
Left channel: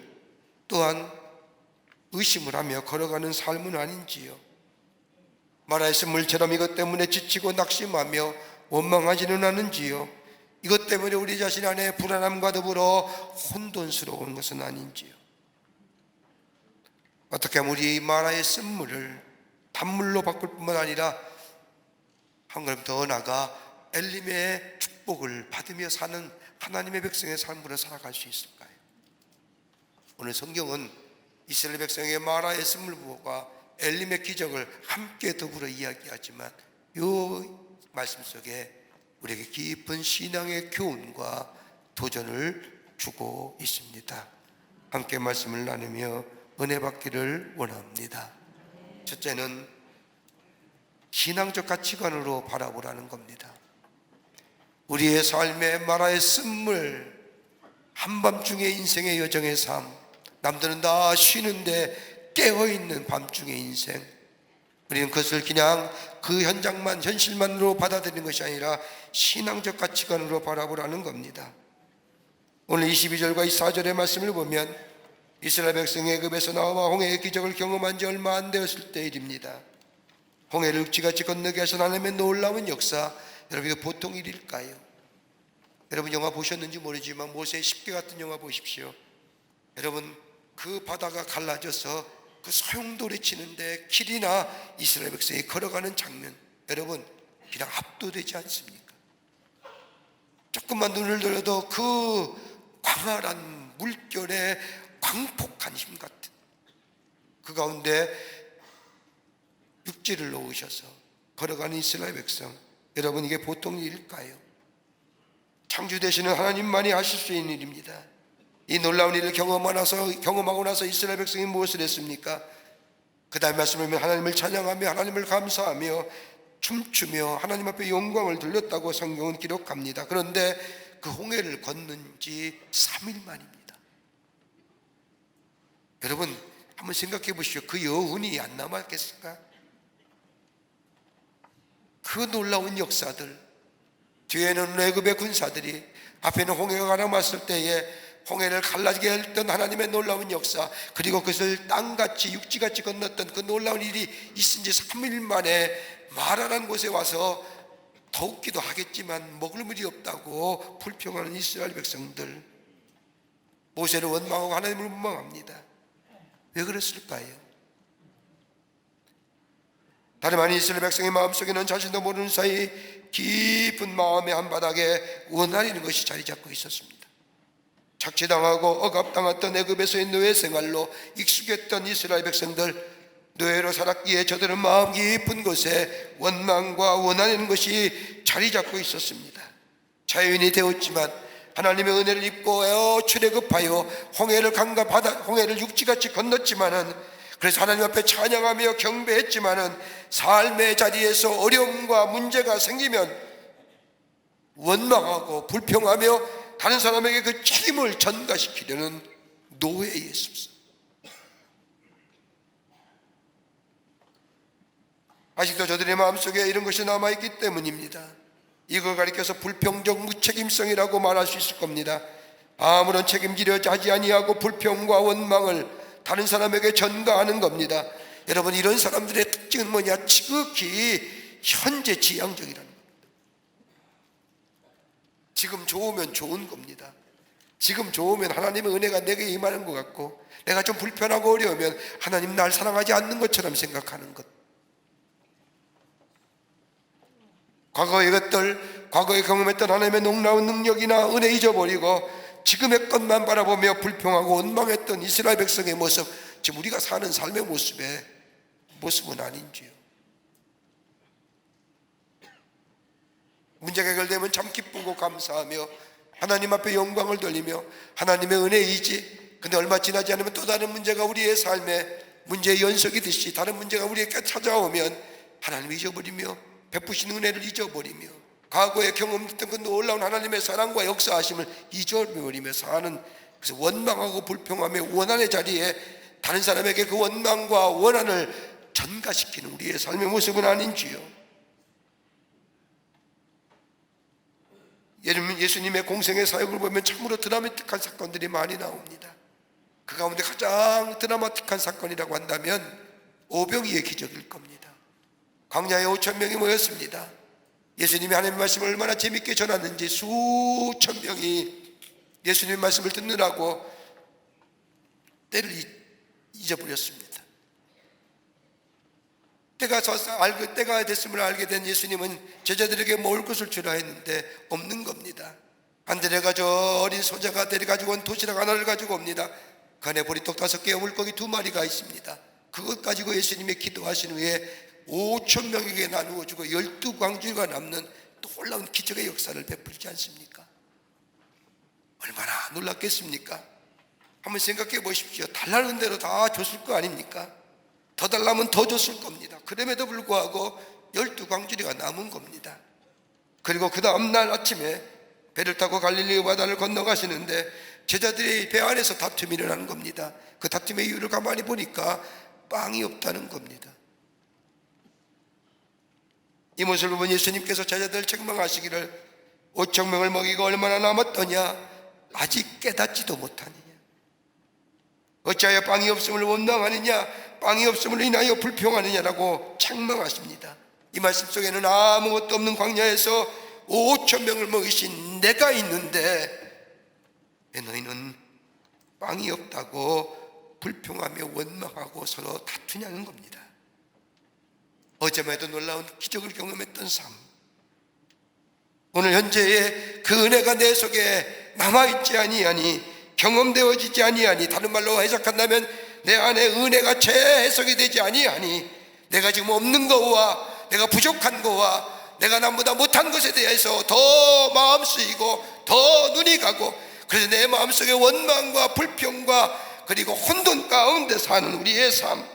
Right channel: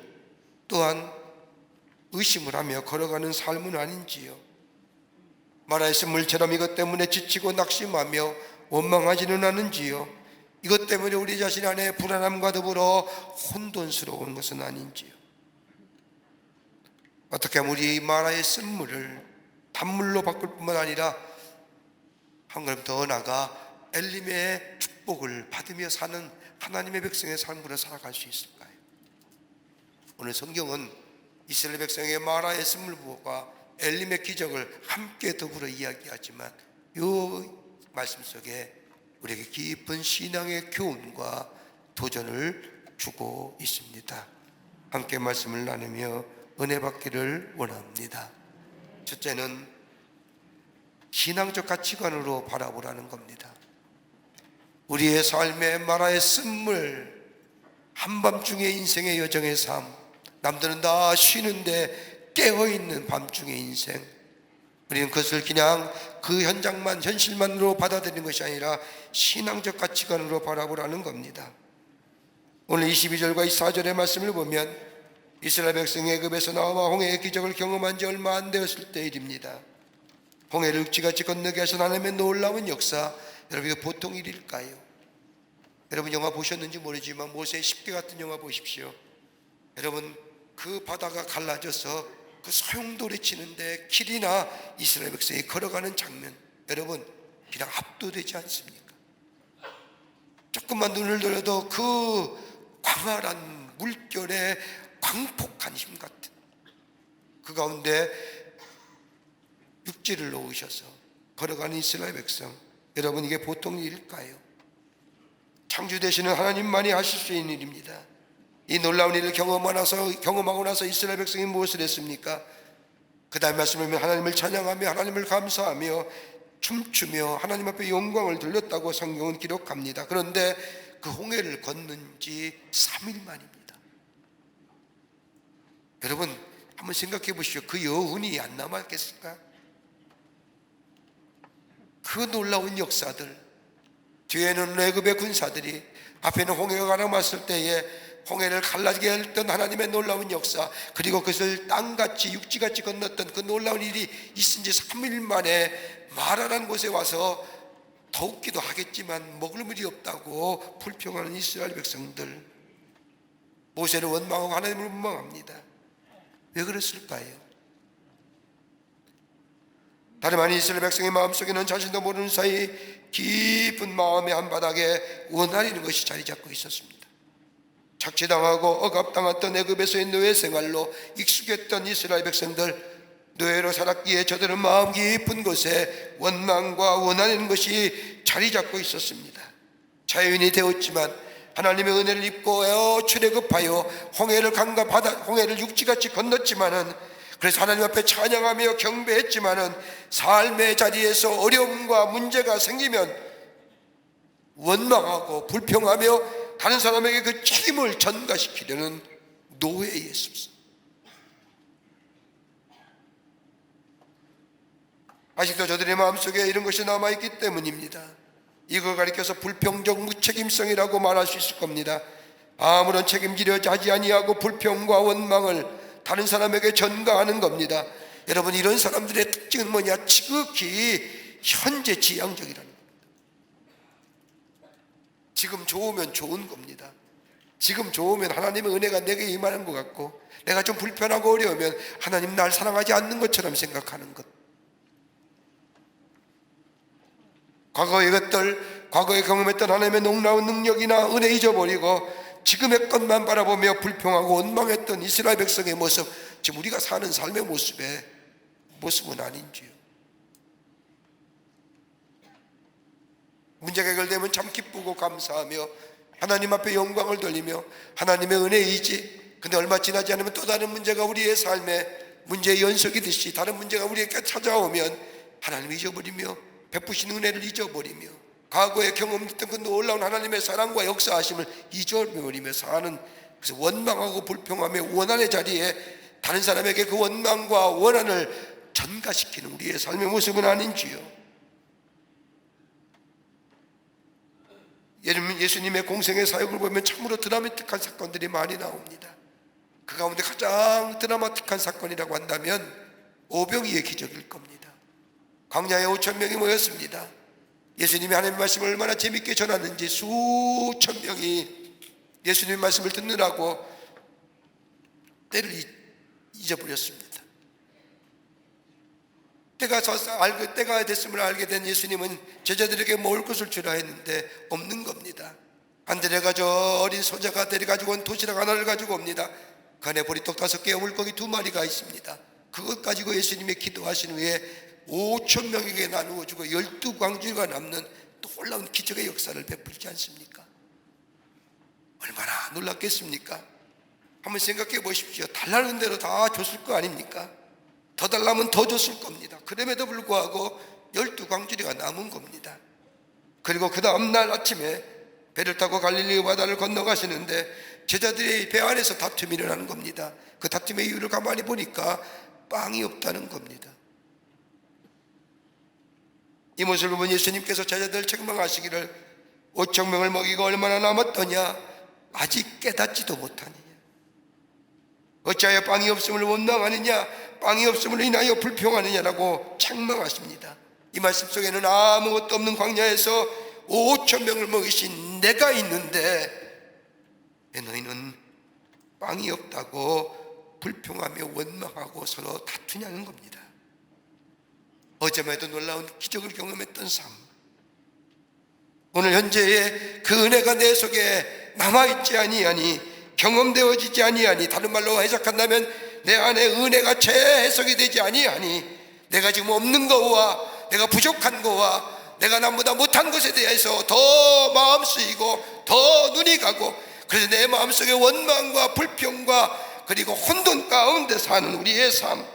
또한 의심을 하며 걸어가는 삶은 아닌지요? 마라의 쓴물처럼 이것 때문에 지치고 낙심하며 원망하지는 않은지요? 이것 때문에 우리 자신 안에 불안함과 더불어 혼돈스러운 것은 아닌지요? 어떻게 하면 우리 마라의 쓴물을 단물로 바꿀 뿐만 아니라 한 걸음 더 나아가 엘림의 축복을 받으며 사는 하나님의 백성의 삶으로 살아갈 수 있을까요? 오늘 성경은 이스라엘 백성의 마라의 쓴물과 엘림의 기적을 함께 더불어 이야기하지만 이 말씀 속에 우리에게 깊은 신앙의 교훈과 도전을 주고 있습니다. 함께 말씀을 나누며 은혜 받기를 원합니다. 첫째는 신앙적 가치관으로 바라보라는 겁니다. 우리의 삶의 마라의 쓴물, 한밤중의 인생의 여정의 삶, 남들은 다 쉬는데 깨어있는 밤중의 인생, 우리는 그것을 그냥 그 현장만, 현실만으로 받아들이는 것이 아니라 신앙적 가치관으로 바라보라는 겁니다. 오늘 22절과 24절의 말씀을 보면 이스라엘 백성이 애굽에서 나와 홍해의 기적을 경험한 지 얼마 안 되었을 때 일입니다. 홍해를 윽지같이 건너게 하신 하나님의 놀라운 역사, 여러분 이거 보통 일일까요? 여러분 영화 보셨는지 모르지만 모세의 10개 같은 영화 보십시오. 여러분 그 바다가 갈라져서 그 소용돌이 치는데 길이나 이스라엘 백성이 걸어가는 장면, 여러분 그냥 압도되지 않습니까? 조금만 눈을 돌려도 그 광활한 물결에 광폭한 힘 같은 그 가운데 육지를 놓으셔서 걸어가는 이스라엘 백성, 여러분 이게 보통 일일까요? 창조 되시는 하나님만이 하실 수 있는 일입니다. 이 놀라운 일을 경험하고 나서 이스라엘 백성이 무엇을 했습니까? 그 다음 말씀을 보면 하나님을 찬양하며 하나님을 감사하며 춤추며 하나님 앞에 영광을 돌렸다고 성경은 기록합니다. 그런데 그 홍해를 건넌 지 3일 만입니다. 여러분 한번 생각해 보시죠. 그 여운이 안 남았겠습니까? 그 놀라운 역사들, 뒤에는 애굽의 군사들이, 앞에는 홍해가 가라앉았을 때에 홍해를 갈라지게 했던 하나님의 놀라운 역사, 그리고 그것을 땅같이 육지같이 건넜던 그 놀라운 일이 있은 지 3일 만에 마라라는 곳에 와서 더욱기도 하겠지만 먹을 물이 없다고 불평하는 이스라엘 백성들, 모세를 원망하고 하나님을 원망합니다. 왜 그랬을까요? 다름 아닌 이스라엘 백성의 마음속에는 자신도 모르는 사이 깊은 마음의 한바닥에 원한이라는 것이 자리 잡고 있었습니다. 착취당하고 억압당했던 애굽에서의 노예 생활로 익숙했던 이스라엘 백성들, 노예로 살았기에 저들은 마음 깊은 곳에 원망과 원한이라는 것이 자리 잡고 있었습니다. 자유인이 되었지만 하나님의 은혜를 입고 출애굽하여 홍해를 강과 바다, 홍해를 육지같이 건넜지만은, 그래서 하나님 앞에 찬양하며 경배했지만은 삶의 자리에서 어려움과 문제가 생기면 원망하고 불평하며 다른 사람에게 그 책임을 전가시키려는 노예의 습성. 아직도 저들의 마음속에 이런 것이 남아있기 때문입니다. 이걸 가리켜서 불평적 무책임성이라고 말할 수 있을 겁니다. 아무런 책임지려 하지 아니하고 불평과 원망을 다른 사람에게 전가하는 겁니다. 여러분, 이런 사람들의 특징은 뭐냐? 지극히 현재 지향적이라는 겁니다. 지금 좋으면 좋은 겁니다. 지금 좋으면 하나님의 은혜가 내게 임하는 것 같고, 내가 좀 불편하고 어려우면 하나님 날 사랑하지 않는 것처럼 생각하는 것. 과거의 것들, 과거에 경험했던 하나님의 놀라운 능력이나 은혜 잊어버리고 지금의 것만 바라보며 불평하고 원망했던 이스라엘 백성의 모습, 지금 우리가 사는 삶의 모습은 아닌지요? 문제가 해결되면 참 기쁘고 감사하며 하나님 앞에 영광을 돌리며 하나님의 은혜이지, 근데 얼마 지나지 않으면 또 다른 문제가 우리의 삶에 문제의 연속이듯이 다른 문제가 우리에게 찾아오면 하나님을 잊어버리며 베푸신 은혜를 잊어버리며 과거에 경험했던 그 놀라운 하나님의 사랑과 역사하심을 잊어버리며 사는, 그래서 원망하고 불평하며 원한의 자리에 다른 사람에게 그 원망과 원한을 전가시키는 우리의 삶의 모습은 아닌지요? 예수님의 공생의 사역을 보면 참으로 드라마틱한 사건들이 많이 나옵니다. 그 가운데 가장 드라마틱한 사건이라고 한다면 오병이의 기적일 겁니다. 광야에 5,000명이 모였습니다. 예수님이 하나님의 말씀을 얼마나 재밌게 전하는지 수천 명이 예수님의 말씀을 듣느라고 때를 잊어버렸습니다. 때가 됐음을 알게 된 예수님은 제자들에게 먹을 것을 주라 했는데 없는 겁니다. 안드레가 저 어린 소자가 데려가지고 온 도시락 하나를 가지고 옵니다. 그 안에 보리떡 5개와 물고기 2마리가 있습니다. 그것 가지고 예수님이 기도하신 후에 5,000명에게 나누어 주고 12광주가 남는 놀라운 기적의 역사를 베풀지 않습니까? 얼마나 놀랐겠습니까? 한번 생각해 보십시오. 달라는 대로 다 줬을 거 아닙니까? 더 달라면 더 줬을 겁니다. 그럼에도 불구하고 12광주리가 남은 겁니다. 그리고 그 다음날 아침에 배를 타고 갈릴리 바다를 건너가시는데 제자들이 배 안에서 다툼이 일어나는 겁니다. 그 다툼의 이유를 가만히 보니까 빵이 없다는 겁니다. 이 모습을 본 예수님께서 제자들을 책망하시기를 5,000명을 먹이고 얼마나 남았더냐? 아직 깨닫지도 못하느냐? 어찌하여 빵이 없음을 원망하느냐? 빵이 없음을 인하여 불평하느냐라고 책망하십니다. 이 말씀 속에는 아무것도 없는 광야에서 5,000명을 먹이신 내가 있는데 왜 너희는 빵이 없다고 불평하며 원망하고 서로 다투냐는 겁니다. 어제만 해도 놀라운 기적을 경험했던 삶, 오늘 현재의 그 은혜가 내 속에 남아있지 아니하니, 경험되어지지 아니하니, 다른 말로 해석한다면 내 안에 은혜가 재해석이 되지 아니하니, 내가 지금 없는 거와 내가 부족한 거와 내가 남보다 못한 것에 대해서 더 마음 쓰이고 더 눈이 가고, 그래서 내 마음속에 원망과 불평과 그리고 혼돈 가운데 사는 우리의 삶,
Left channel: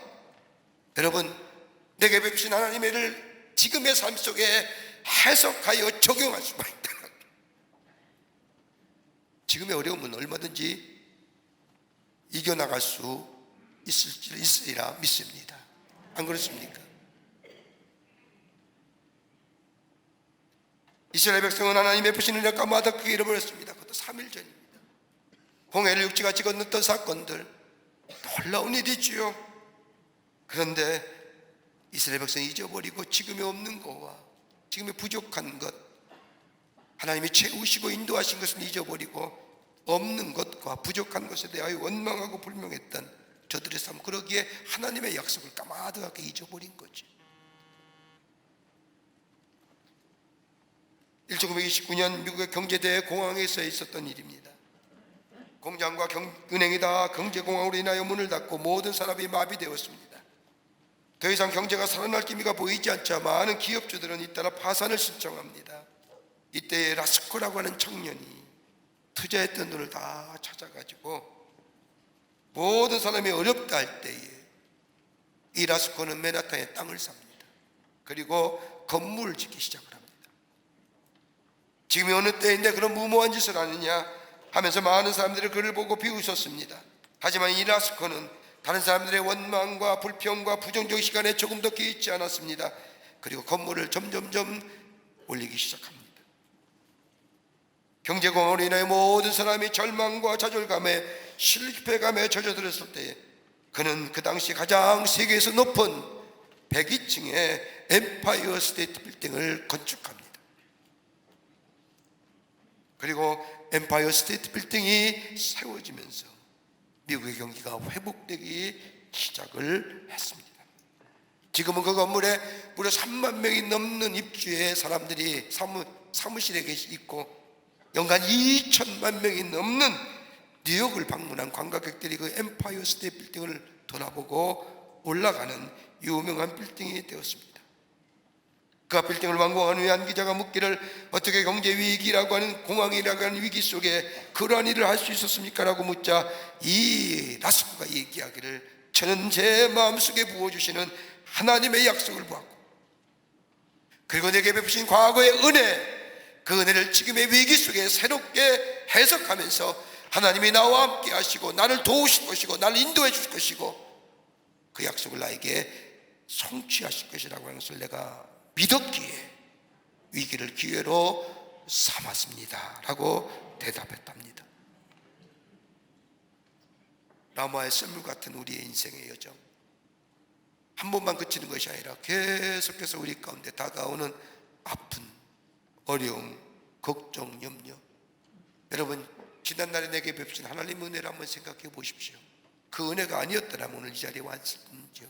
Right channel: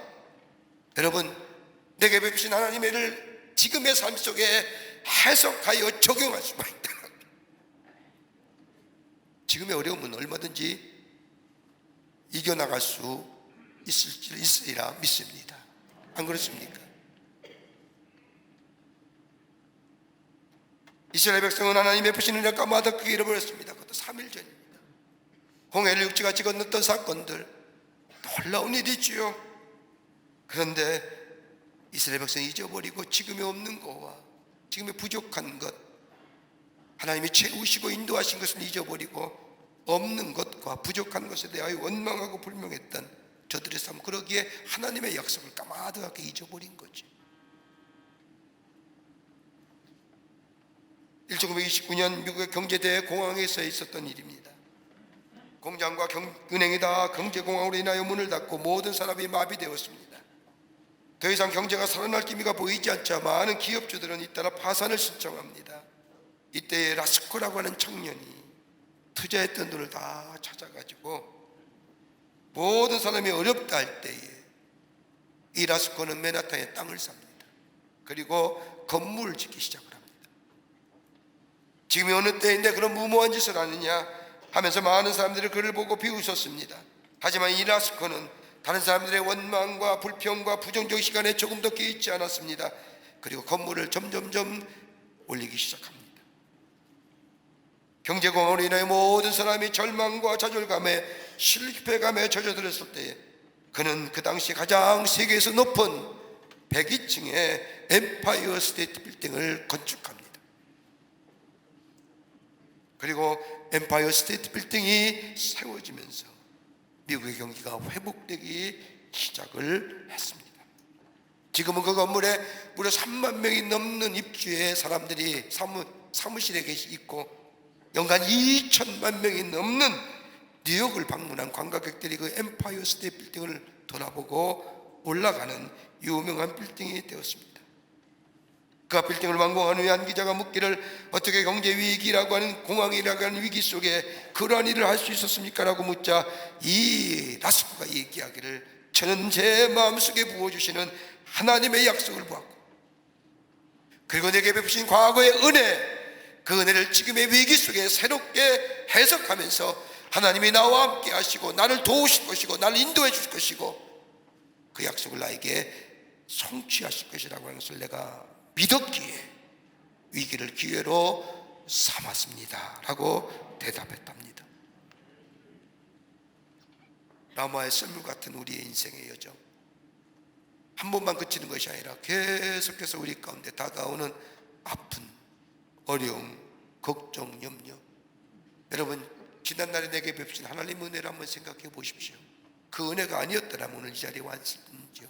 여러분, 내게 베푸신 하나님의 일을 지금의 삶 속에 해석하여 적용할 수만 있다. 지금의 어려움은 얼마든지 이겨나갈 수 있으리라 믿습니다. 안 그렇습니까? 이스라엘 백성은 하나님 베푸신 은혜를 까마득하게 잃어버렸습니다. 그것도 3일 전입니다. 홍해를 육지같이 건넜던 사건들, 놀라운 일이지요. 그런데 이스라엘 백성이 잊어버리고 지금의 없는 것과 지금의 부족한 것, 하나님이 채우시고 인도하신 것을 잊어버리고 없는 것과 부족한 것에 대하여 원망하고 불명했던 저들의 삶, 그러기에 하나님의 약속을 까마득하게 잊어버린 거지. 1929년 미국의 경제대회 공황에서 있었던 일입니다. 공장과 은행이 다 경제공황으로 인하여 문을 닫고 모든 산업이 마비되었습니다. 더 이상 경제가 살아날 기미가 보이지 않자 많은 기업주들은 잇따라 파산을 신청합니다. 이때 라스코라고 하는 청년이 투자했던 돈을 다 찾아가지고 모든 사람이 어렵다 할 때에 이 라스코는 맨하탄에 땅을 삽니다. 그리고 건물을 짓기 시작을 합니다. 지금이 어느 때인데 그런 무모한 짓을 하느냐 하면서 많은 사람들이 그를 보고 비웃었습니다. 하지만 이 라스코는 다른 사람들의 원망과 불평과 부정적 시간에 조금도 개의치 않았습니다. 그리고 건물을 점점점 올리기 시작합니다. 경제공황으로 인하여 모든 사람이 절망과 좌절감에 실패감에 젖어들었을 때에 그는 그 당시 가장 세계에서 높은 102층의 엠파이어 스테이트 빌딩을 건축합니다. 그리고 엠파이어 스테이트 빌딩이 세워지면서 미국의 경기가 회복되기 시작을 했습니다. 지금은 그 건물에 무려 3만 명이 넘는 입주의 사람들이 사무실에 있고 연간 2천만 명이 넘는 뉴욕을 방문한 관광객들이 그 엠파이어 스테이트 빌딩을 돌아보고 올라가는 유명한 빌딩이 되었습니다. 그 빌딩을 완공한 후에 한 기자가 묻기를 어떻게 경제 위기라고 하는 공황이라고 하는 위기 속에 그러한 일을 할 수 있었습니까? 라고 묻자 이 라스코가 얘기하기를 저는 제 마음속에 부어주시는 하나님의 약속을 보았고 그리고 내게 베푸신 과거의 은혜, 그 은혜를 지금의 위기 속에 새롭게 해석하면서 하나님이 나와 함께 하시고 나를 도우실 것이고 나를 인도해 주실 것이고 그 약속을 나에게 성취하실 것이라고 하는 것을 내가 믿었기에 위기를 기회로 삼았습니다 라고 대답했답니다. 라마의 썰물 같은 우리의 인생의 여정, 한 번만 그치는 것이 아니라 계속해서 우리 가운데 다가오는 아픈, 어려움, 걱정, 염려. 여러분 지난날에 내게 베푸신 하나님의 은혜를 한번 생각해 보십시오. 그 은혜가 아니었더라면 오늘 이 자리에 왔을지요.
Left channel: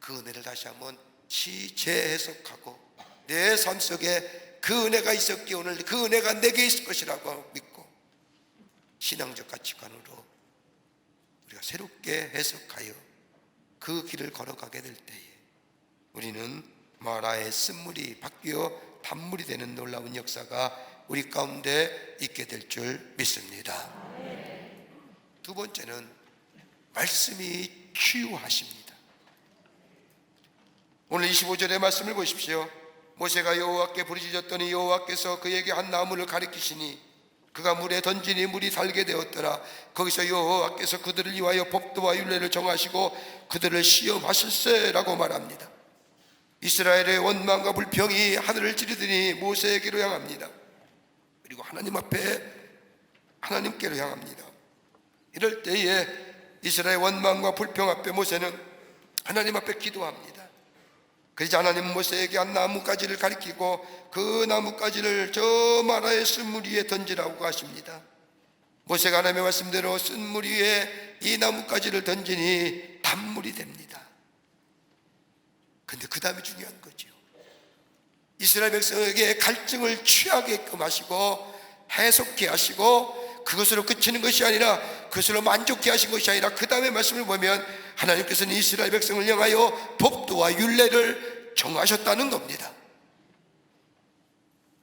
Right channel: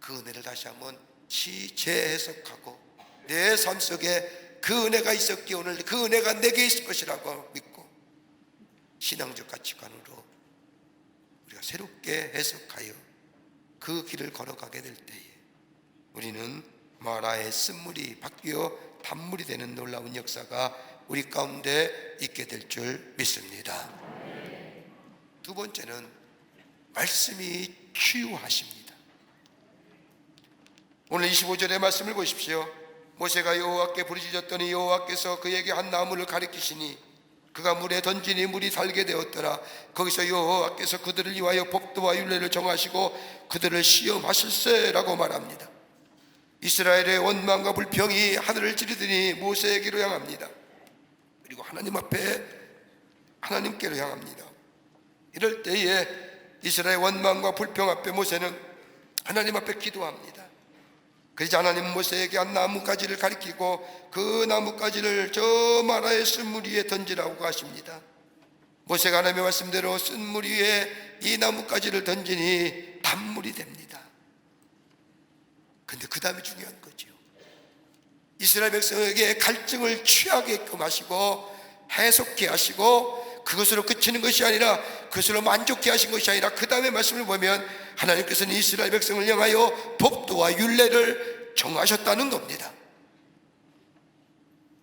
그 은혜를 다시 한번 재해석하고 내 삶 속에 그 은혜가 있었기에 오늘 그 은혜가 내게 있을 것이라고 믿고 신앙적 가치관으로 우리가 새롭게 해석하여 그 길을 걸어가게 될 때에 우리는 마라의 쓴물이 바뀌어 단물이 되는 놀라운 역사가 우리 가운데 있게 될 줄 믿습니다. 두 번째는 말씀이 치유하십니다. 오늘 25절의 말씀을 보십시오. 모세가 여호와께 부르짖었더니 여호와께서 그에게 한 나무를 가리키시니 그가 물에 던지니 물이 달게 되었더라. 거기서 여호와께서 그들을 위하여 법도와 율례를 정하시고 그들을 시험하실세라고 말합니다. 이스라엘의 원망과 불평이 하늘을 찌르더니 모세에게로 향합니다. 그리고 하나님 앞에 하나님께로 향합니다. 이럴 때에 이스라엘 원망과 불평 앞에 모세는 하나님 앞에 기도합니다. 그러자 하나님 모세에게 한 나뭇가지를 가리키고 그 나뭇가지를 저 마라의 쓴물 위에 던지라고 하십니다. 모세가 하나님의 말씀대로 쓴물 위에 이 나뭇가지를 던지니 단물이 됩니다. 그런데 그 다음이 중요한 거죠. 이스라엘 백성에게 갈증을 취하게끔 하시고 해석케 하시고 그것으로 그치는 것이 아니라 그것으로 만족케 하신 것이 아니라 그 다음에 말씀을 보면 하나님께서는 이스라엘 백성을 향하여 법도와 율례를 정하셨다는 겁니다.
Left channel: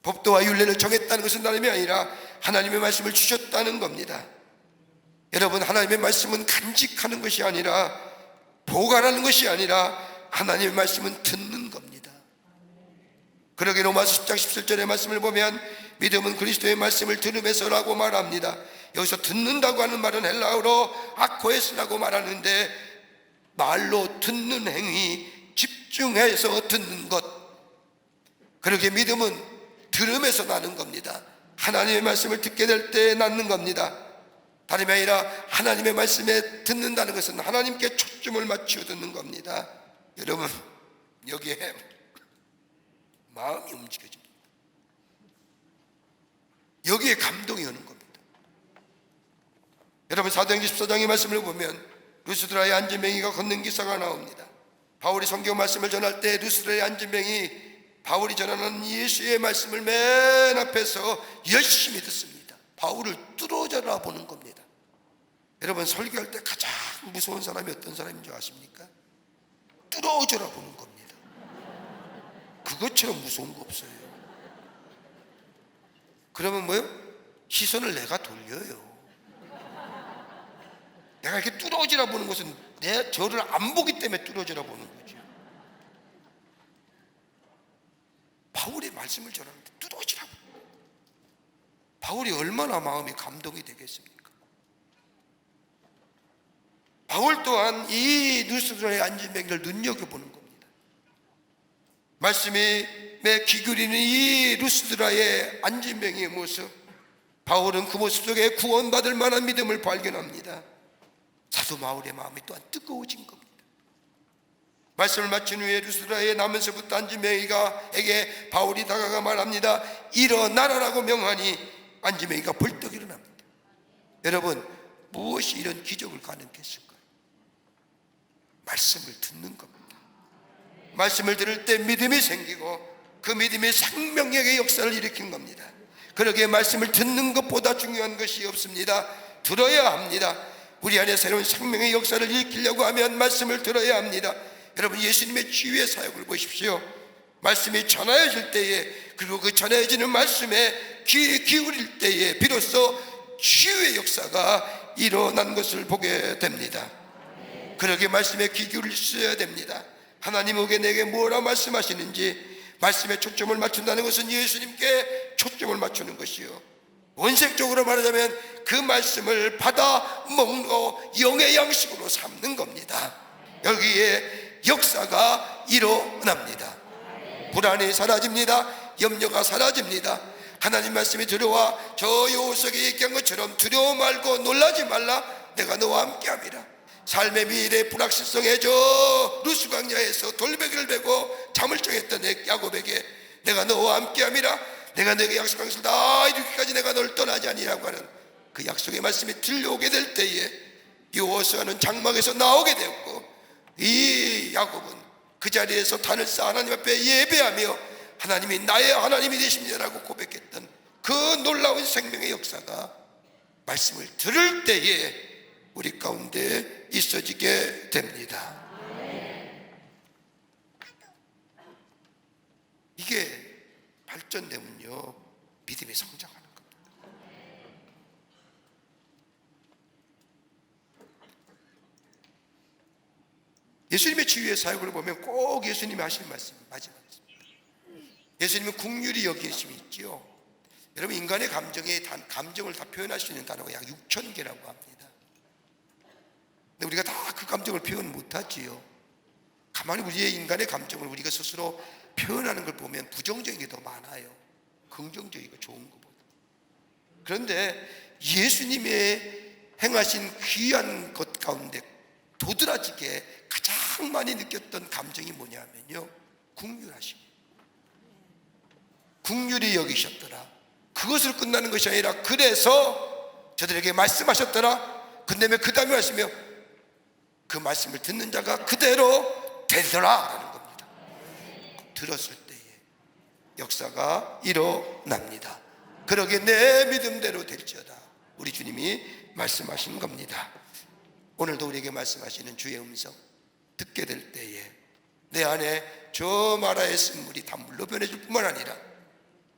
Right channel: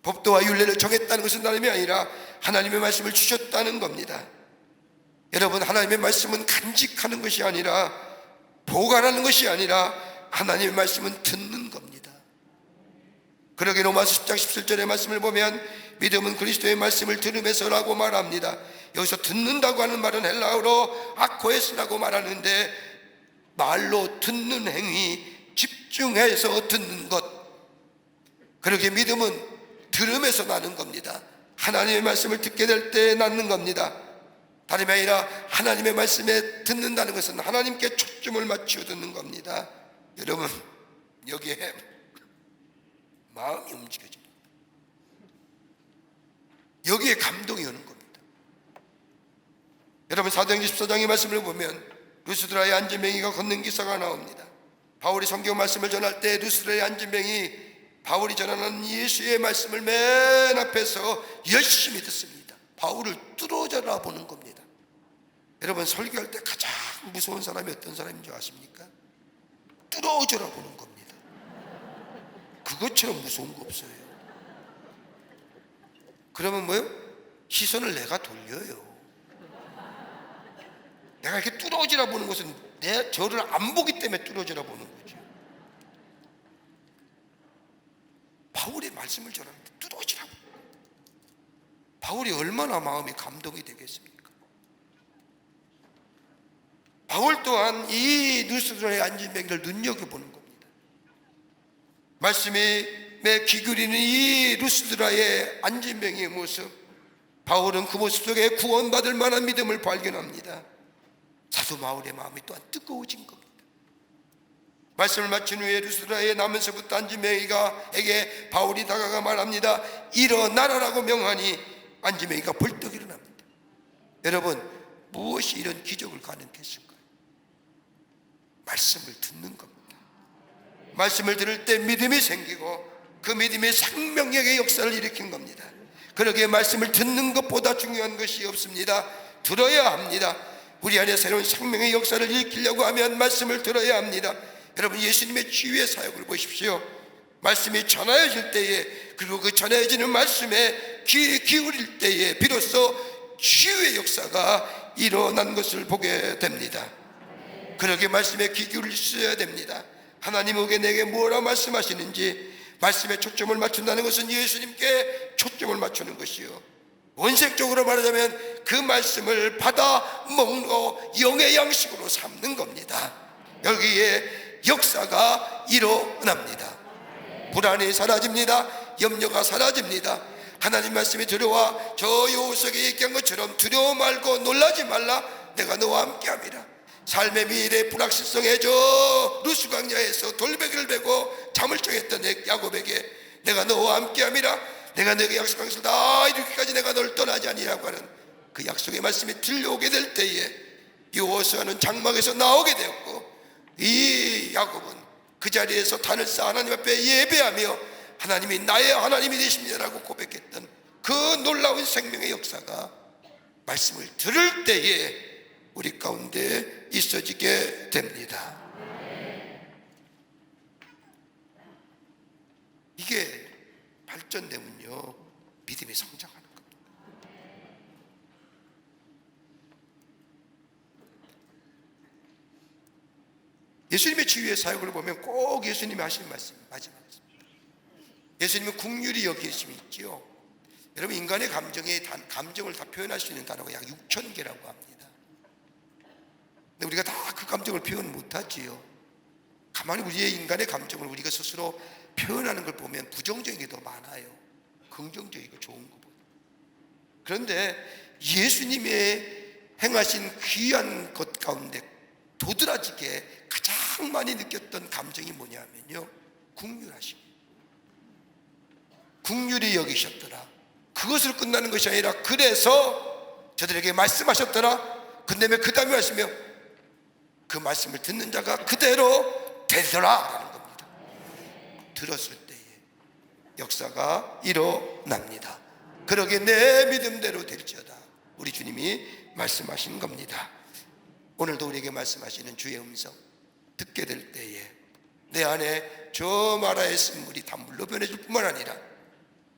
법도와 율례를 정했다는 것은 다름이 아니라 하나님의 말씀을 주셨다는 겁니다. 여러분, 하나님의 말씀은 간직하는 것이 아니라 보관하는 것이 아니라 하나님의 말씀은 듣는 겁니다. 그러게 로마서 10장 17절의 말씀을 보면 믿음은 그리스도의 말씀을 들음에서라고 말합니다. 여기서 듣는다고 하는 말은 헬라어로 아코에스라고 말하는데 말로 듣는 행위, 집중해서 듣는 것. 그러게 믿음은 들음에서 나는 겁니다. 하나님의 말씀을 듣게 될 때 낳는 겁니다. 다름이 아니라 하나님의 말씀에 듣는다는 것은 하나님께 초점을 맞추어 듣는 겁니다. 여러분, 여기에 마음이 움직여집니다. 여기에 감동이 오는 겁니다. 여러분, 사도행전 14장의 말씀을 보면 루스드라의 안진뱅이가 걷는 기사가 나옵니다. 바울이 성경 말씀을 전할 때 루스드라의 안진뱅이 바울이 전하는 예수의 말씀을 맨 앞에서 열심히 듣습니다. 바울을 뚫어져라 보는 겁니다. 여러분, 설교할 때 가장 무서운 사람이 어떤 사람인 줄 아십니까? 뚫어져라 보는 겁니다. 그것처럼 무서운 거 없어요. 그러면 뭐요? 시선을 내가 돌려요. 내가 이렇게 뚫어지라 보는 것은 내 저를 안 보기 때문에 뚫어지라 보는 거죠. 바울의 말씀을 전하는데 뚫어지라고. 바울이 얼마나 마음이 감동이 되겠습니까? 바울 또한 이 루스드라의 안진뱅이를 눈여겨보는 겁니다. 말씀에 귀 기울이는 이 루스드라의 안진뱅이의 모습, 바울은 그 모습 속에 구원받을 만한 믿음을 발견합니다. 사도 바울의 마음이 또한 뜨거워진 겁니다. 말씀을 마친 후에 루스드라에 나면서부터 안진뱅이가에게 바울이 다가가 말합니다. 일어나라라고 명하니 안진뱅이가 벌떡 일어납니다. 여러분, 무엇이 이런 기적을 가능했을까요? 말씀을 듣는 겁니다. 말씀을 들을 때 믿음이 생기고 그 믿음이 생명력의 역사를 일으킨 겁니다. 그러기에 말씀을 듣는 것보다 중요한 것이 없습니다. 들어야 합니다. 우리 안에 새로운 생명의 역사를 일으키려고 하면 말씀을 들어야 합니다. 여러분, 예수님의 치유의 사역을 보십시오. 말씀이 전하여질 때에, 그리고 그 전하여지는 말씀에 귀 기울일 때에 비로소 치유의 역사가 일어난 것을 보게 됩니다. 그러기에 말씀에 귀 기울여야 됩니다. 하나님에게 내게 뭐라 말씀하시는지 말씀에 초점을 맞춘다는 것은 예수님께 초점을 맞추는 것이요, 원색적으로 말하자면 그 말씀을 받아 먹고 영의 양식으로 삼는 겁니다. 여기에 역사가 일어납니다. 불안이 사라집니다. 염려가 사라집니다. 하나님 말씀이 들어와 저 요셉에게 얘기한 것처럼 두려워 말고 놀라지 말라, 내가 너와 함께함이라. 삶의 미래 불확실성에 저 루스 광야에서 돌베개를 베고 잠을 청했던 야곱에게 내가 너와 함께함이라, 내가 너에게 약속한 것을 다 이루기까지 내가 너를 떠나지 아니라고 하는 그 약속의 말씀이 들려오게 될 때에 여호수아는 장막에서 나오게 되었고, 이 야곱은 그 자리에서 단을 쌓아 하나님 앞에 예배하며 하나님이 나의 하나님이 되십니다라고 고백했던 그 놀라운 생명의 역사가 말씀을 들을 때에 우리 가운데 있어지게 됩니다. 이게 발전되면요, 믿음이 성장하는 겁니다. 예수님의 치유의 사역을 보면 꼭 예수님이 하시는 말씀이 마지막입니다. 예수님은 긍휼히 여기심이 있지요. 여러분, 인간의 감정을 다 표현할 수 있는 단어가 약 6,000개라고 합니다. 근데 우리가 다 그 감정을 표현 못하지요. 가만히 우리의 인간의 감정을 우리가 스스로 표현하는 걸 보면 부정적인 게 더 많아요. 긍정적이고 좋은 것보다. 그런데 예수님의 행하신 귀한 것 가운데 도드라지게 가장 많이 느꼈던 감정이 뭐냐면요, 긍휼하심. 긍휼히 여기셨더라. 그것으로 끝나는 것이 아니라 그래서 저들에게 말씀하셨더라. 근데 그 다음에 하시며 그 말씀을 듣는 자가 그대로 되더라 라는 겁니다. 들었을 때에 역사가 일어납니다. 그러기에 내 믿음대로 될지어다, 우리 주님이 말씀하신 겁니다. 오늘도 우리에게 말씀하시는 주의 음성 듣게 될 때에 내 안에 저 마라의 쓴물이 단물로 변해질 뿐만 아니라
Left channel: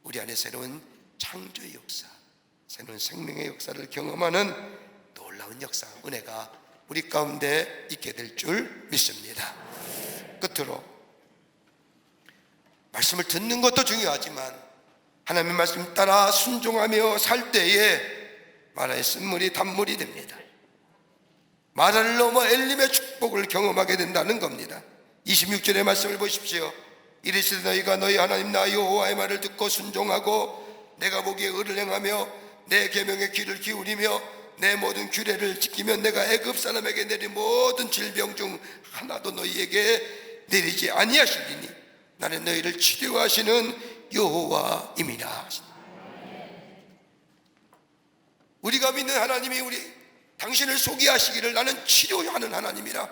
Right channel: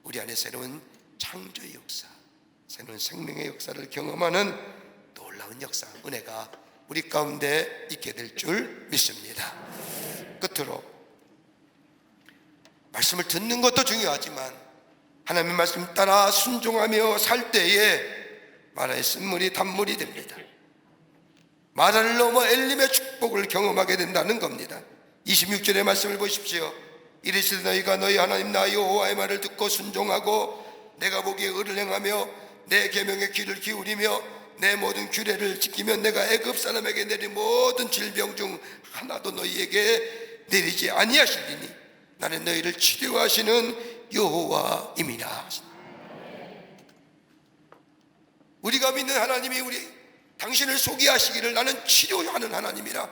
우리 안에 새로운 창조의 역사, 새로운 생명의 역사를 경험하는 놀라운 역사, 은혜가 우리 가운데 있게 될 줄 믿습니다. 끝으로 말씀을 듣는 것도 중요하지만 하나님의 말씀 따라 순종하며 살 때에 마라의 쓴물이 단물이 됩니다. 마라를 넘어 엘림의 축복을 경험하게 된다는 겁니다. 26절의 말씀을 보십시오. 이르시되 너희가 너희 하나님 나 여호와의 말을 듣고 순종하고 내가 보기에 의를 행하며 내 계명에 귀를 기울이며 내 모든 규례를 지키면 내가 애굽 사람에게 내린 모든 질병 중 하나도 너희에게 내리지 아니하시리니 나는 너희를 치료하시는 여호와임이라. 우리가 믿는 하나님이 당신을 소개하시기를 나는 치료하는 하나님이라,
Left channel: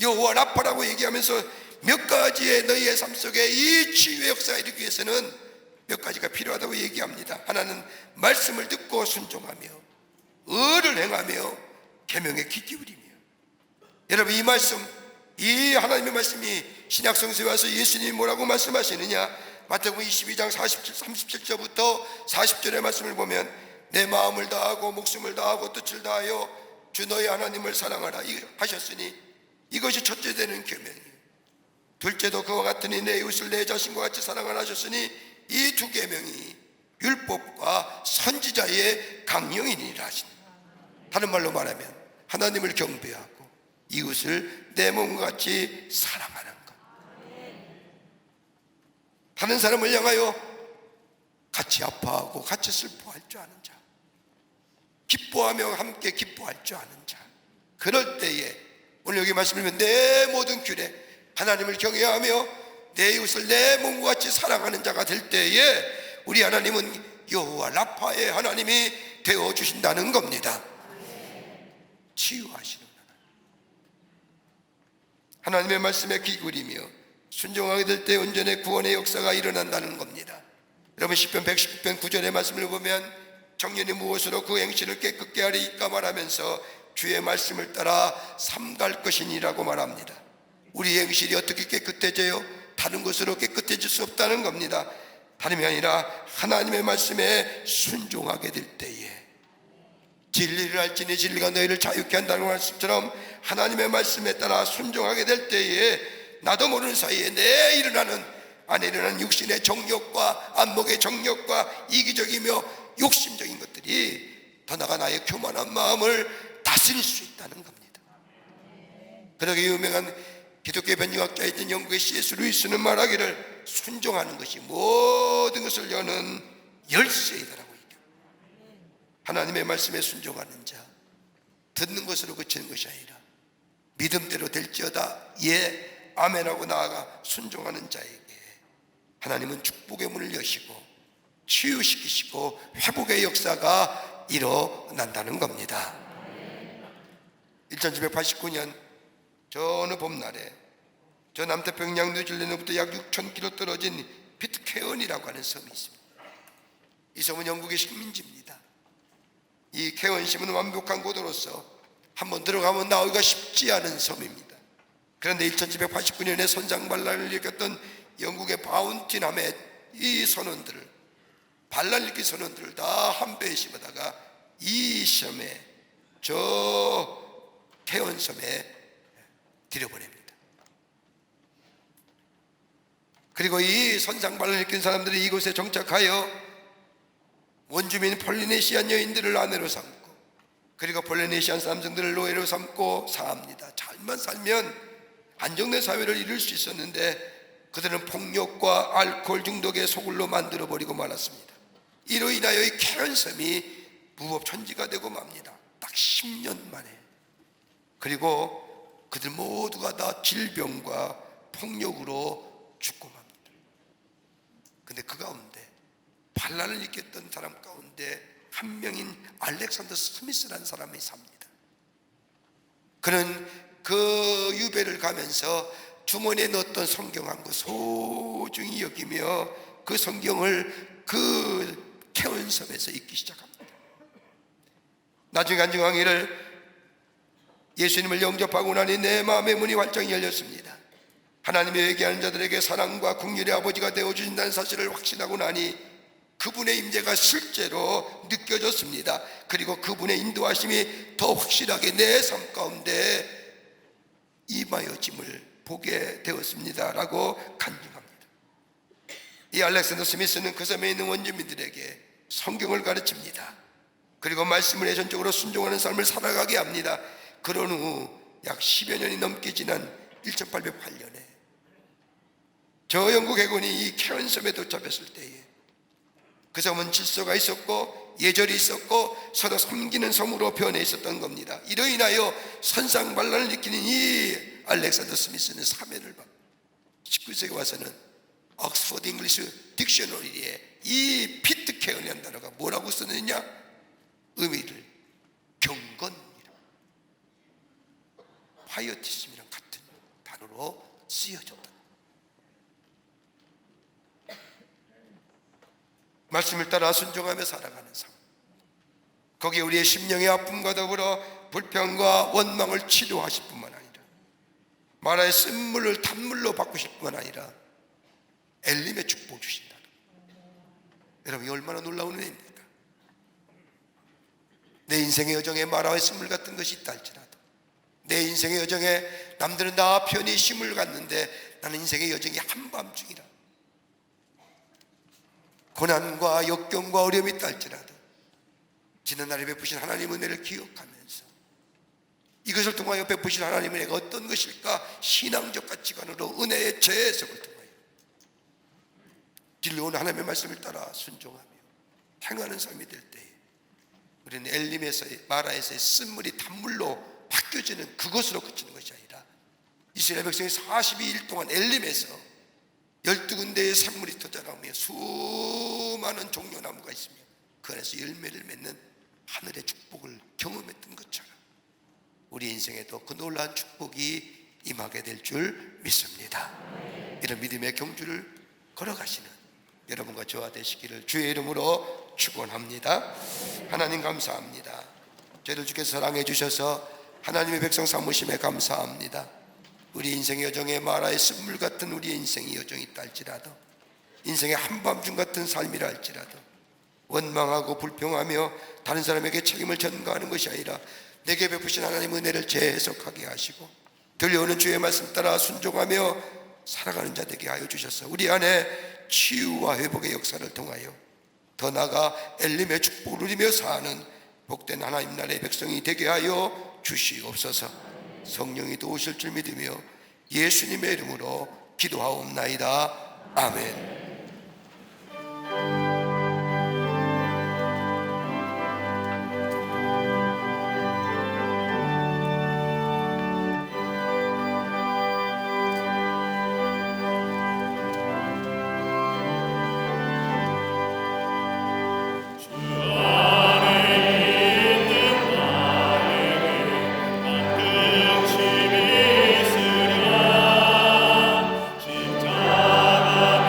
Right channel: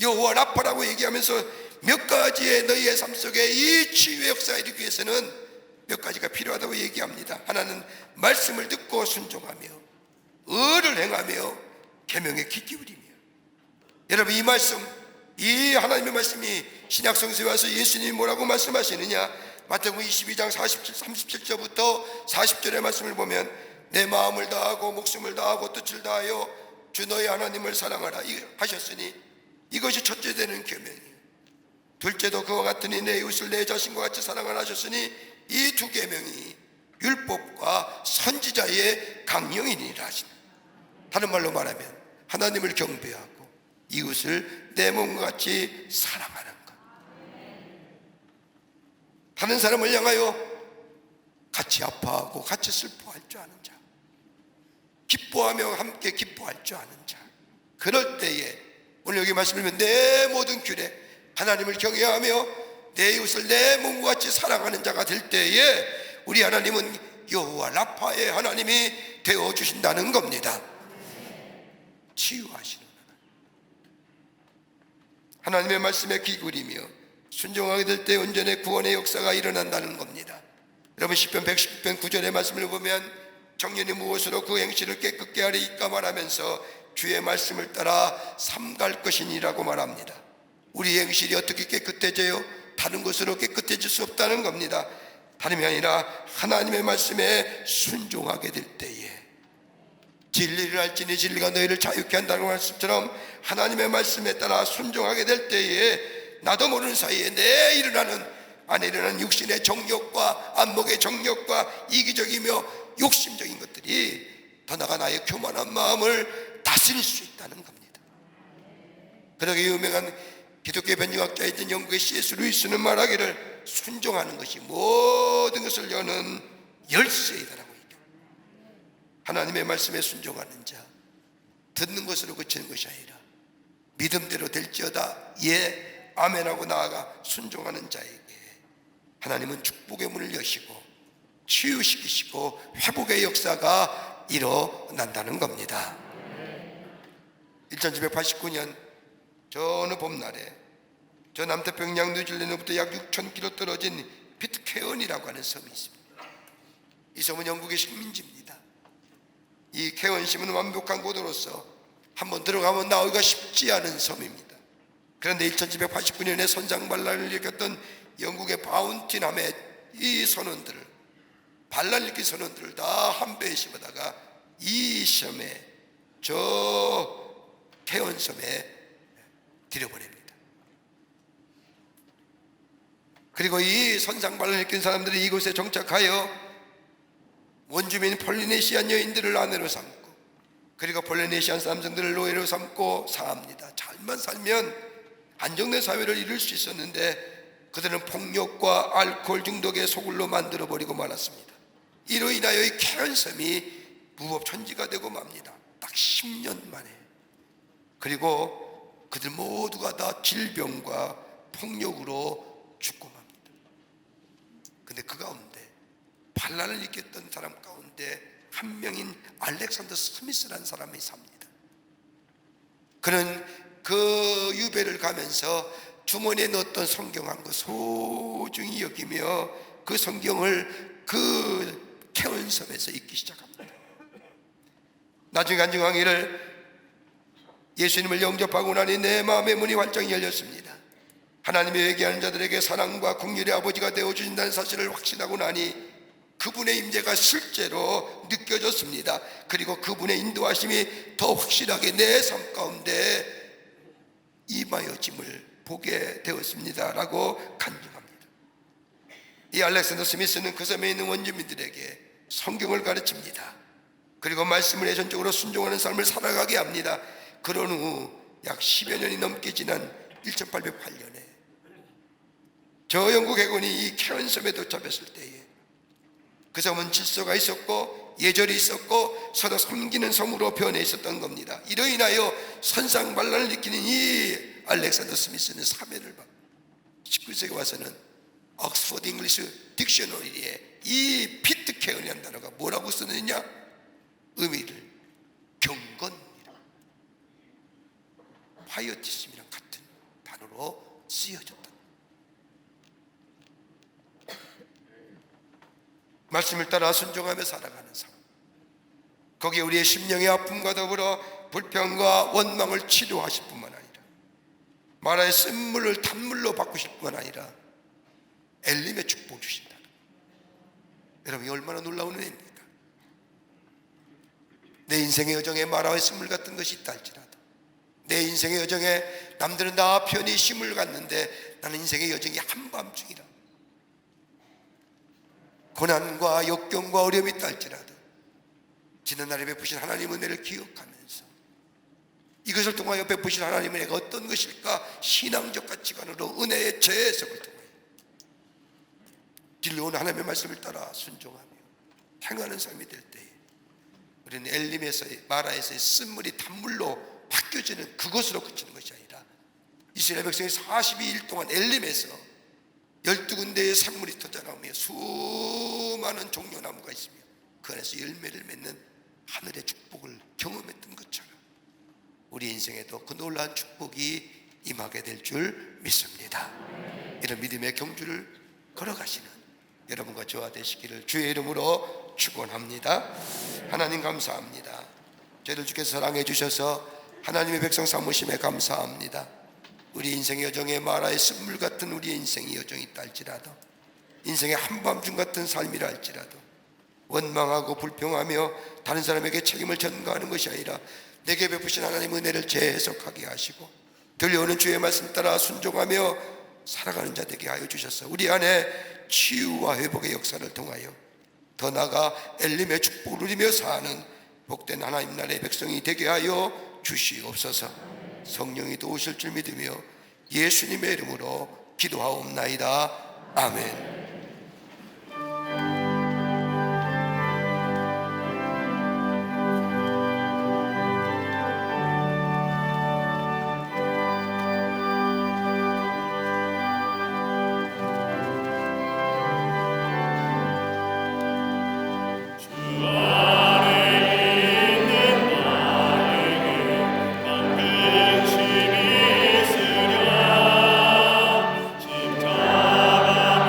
여호와 라파라고 얘기하면서 몇 가지의 너희의 삶 속에 이 치유의 역사에 이르기 위해서는 몇 가지가 필요하다고 얘기합니다. 하나는 말씀을 듣고 순종하며 의를 행하며 계명에 귀 기울이며. 여러분, 이 말씀, 이 하나님의 말씀이 신약 성서에 와서 예수님이 뭐라고 말씀하시느냐? 마태복음 22장 37절부터 40절의 말씀을 보면 내 마음을 다하고 목숨을 다하고 뜻을 다하여 주 너희 하나님을 사랑하라 하셨으니 이것이 첫째 되는 계명이에요. 둘째도 그와 같으니 내 이웃을 내 자신과 같이 사랑하라 하셨으니 이 두 계명이 율법과 선지자의 강령이니라 하시니, 다른 말로 말하면 하나님을 경배하고 이웃을 내 몸과 같이 사랑하는 것. 다른 사람을 향하여 같이 아파하고 같이 슬퍼할 줄 아는 자, 기뻐하며 함께 기뻐할 줄 아는 자. 그럴 때에 오늘 여기 말씀을 보면 내 모든 규례, 하나님을 경외하며 내 이웃을 내 몸과 같이 사랑하는 자가 될 때에 우리 하나님은 여호와 라파의 하나님이 되어주신다는 겁니다. 치유하시는 하나님의 말씀에 귀 기울이며 순종하게 될 때 온전히 구원의 역사가 일어난다는 겁니다. 여러분, 시편 119편 9절의 말씀을 보면 청년이 무엇으로 그 행실을 깨끗게 하리까 말하면서 주의 말씀을 따라 삼갈 것이니라고 말합니다. 우리 행실이 어떻게 깨끗해져요? 다른 것으로 깨끗해질 수 없다는 겁니다. 다름이 아니라 하나님의 말씀에 순종하게 될 때에, 진리를 알지니 진리가 너희를 자유케 한다는 말씀처럼 하나님의 말씀에 따라 순종하게 될 때에 나도 모르는 사이에 내 안에 일어나는 육신의 정욕과 안목의 정욕과 이기적이며 욕심적인 것들이 더 나아가 나의 교만한 마음을 다스릴 수 있다는 겁니다. 그러게 유명한 기독교 변증학자였던 영국의 C.S. 루이스는 말하기를 순종하는 것이 모든 것을 여는 열쇠이다라고 얘기합니다. 하나님의 말씀에 순종하는 자, 듣는 것으로 그치는 것이 아니라 믿음대로 될지어다 예 아멘하고 나아가 순종하는 자에게 하나님은 축복의 문을 여시고 치유시키시고 회복의 역사가 일어난다는 겁니다. 1789년 저 어느 봄날에 저 남태평양 뉴질랜드부터 약 6,000km 떨어진 피트케언이라고 하는 섬이 있습니다. 이 섬은 영국의 식민지입니다. 이 케언심은 완벽한 고도로서 한번 들어가면 나오기가 쉽지 않은 섬입니다. 그런데 1789년에 선장반란을 일으켰던 영국의 바운티남의 이 선원들을, 반란 일으킨 선원들을 다 한 배에 씹어다가 이 섬에, 저 케언섬에 들여보냅니다. 그리고 이 선장반란을 일으킨 사람들이 이곳에 정착하여 원주민 폴리네시안 여인들을 아내로 삼고, 그리고 폴리네시안 사람들을 노예로 삼고 삽니다. 잘만 살면 안정된 사회를 이룰 수 있었는데 그들은 폭력과 알코올 중독에 소굴로 만들어버리고 말았습니다. 이로 인하여 이 케언섬이 무법천지가 되고 맙니다. 딱 10년 만에. 그리고 그들 모두가 다 질병과 폭력으로 죽고 맙니다. 근데 그 가운데 반란을 일으켰던 사람 가운데 한 명인 알렉산더 스미스라는 사람이 삽니다. 그는 그 유배를 가면서 주머니에 넣었던 성경 한 권 소중히 여기며 그 성경을 그 케언섬에서 읽기 시작합니다. 나중에 간증하기를 예수님을 영접하고 나니 내 마음의 문이 활짝 열렸습니다. 하나님이 회개하는 자들에게 사랑과 긍휼의 아버지가 되어주신다는 사실을 확신하고 나니 그분의 임재가 실제로 느껴졌습니다. 그리고 그분의 인도하심이 더 확실하게 내 삶 가운데 임하여짐을 보게 되었습니다 라고 간증합니다. 이 알렉산더 스미스는 그 섬에 있는 원주민들에게 성경을 가르칩니다. 그리고 말씀을 예전적으로 순종하는 삶을 살아가게 합니다. 그런 후 약 10여 년이 넘게 지난 1808년에 저 영국 해군이 이 케언섬에 도착했을 때에 그 섬은 질서가 있었고 예절이 있었고 서로 섬기는 성으로 변해 있었던 겁니다. 이로 인하여 선상반란을 일으키는 이 알렉산더 스미스는 사면을 받고 19세기 와서는 옥스퍼드 잉글리시 딕셔너리에 이 피트 케어이라는 단어가 뭐라고 쓰느냐? 의미를 경건이라, 파이어티즘이랑 같은 단어로 쓰여졌다. 말씀을 따라 순종하며 살아가는 삶, 거기에 우리의 심령의 아픔과 더불어 불평과 원망을 치료하실 뿐만 아니라 마라의 쓴물을 단물로 바꾸실 뿐만 아니라 엘림의 축복 주신다. 여러분, 이 얼마나 놀라운 은혜입니까? 내 인생의 여정에 마라의 쓴물 같은 것이 있다 할지라도, 내 인생의 여정에 남들은 다 편히 힘을 갖는데 나는 인생의 여정이 한밤중이라, 고난과 역경과 어려움이 있다 할지라도 지난날에 베푸신 하나님의 은혜를 기억하면서 이것을 통하여 베푸신 하나님의 은혜가 어떤 것일까? 신앙적 가치관으로 은혜의 재해석을 통하여 들려오는 하나님의 말씀을 따라 순종하며 행하는 삶이 될 때에 우리는 엘림에서의, 마라에서의 쓴물이 단물로 바뀌어지는 그것으로 그치는 것이 아니라 이스라엘 백성이 42일 동안 엘림에서 12군데의 샘물이 터져나오며 수많은 종려나무가 있으며 그 안에서 열매를 맺는 하늘의 축복을 경험했던 것처럼 우리 인생에도 그 놀라운 축복이 임하게 될 줄 믿습니다. 이런 믿음의 경주를 걸어가시는 여러분과 저와 되시기를 주의 이름으로 축원합니다. 하나님 감사합니다. 저희를 주께서 사랑해 주셔서 하나님의 백성 삼으심에 감사합니다. 우리 인생의 여정에 마라의 쓴물 같은 우리의 인생의 여정이 있다 할지라도, 인생의 한밤중 같은 삶이라 할지라도 원망하고 불평하며 다른 사람에게 책임을 전가하는 것이 아니라 내게 베푸신 하나님의 은혜를 재해석하게 하시고 들려오는 주의 말씀 따라 순종하며 살아가는 자 되게 하여 주셔서 우리 안에 치유와 회복의 역사를 통하여 더 나아가 엘림의 축복을 누리며 사는 복된 하나님 나라의 백성이 되게 하여 주시옵소서. 성령이 도우실 줄 믿으며 예수님의 이름으로 기도하옵나이다. 아멘. 십자가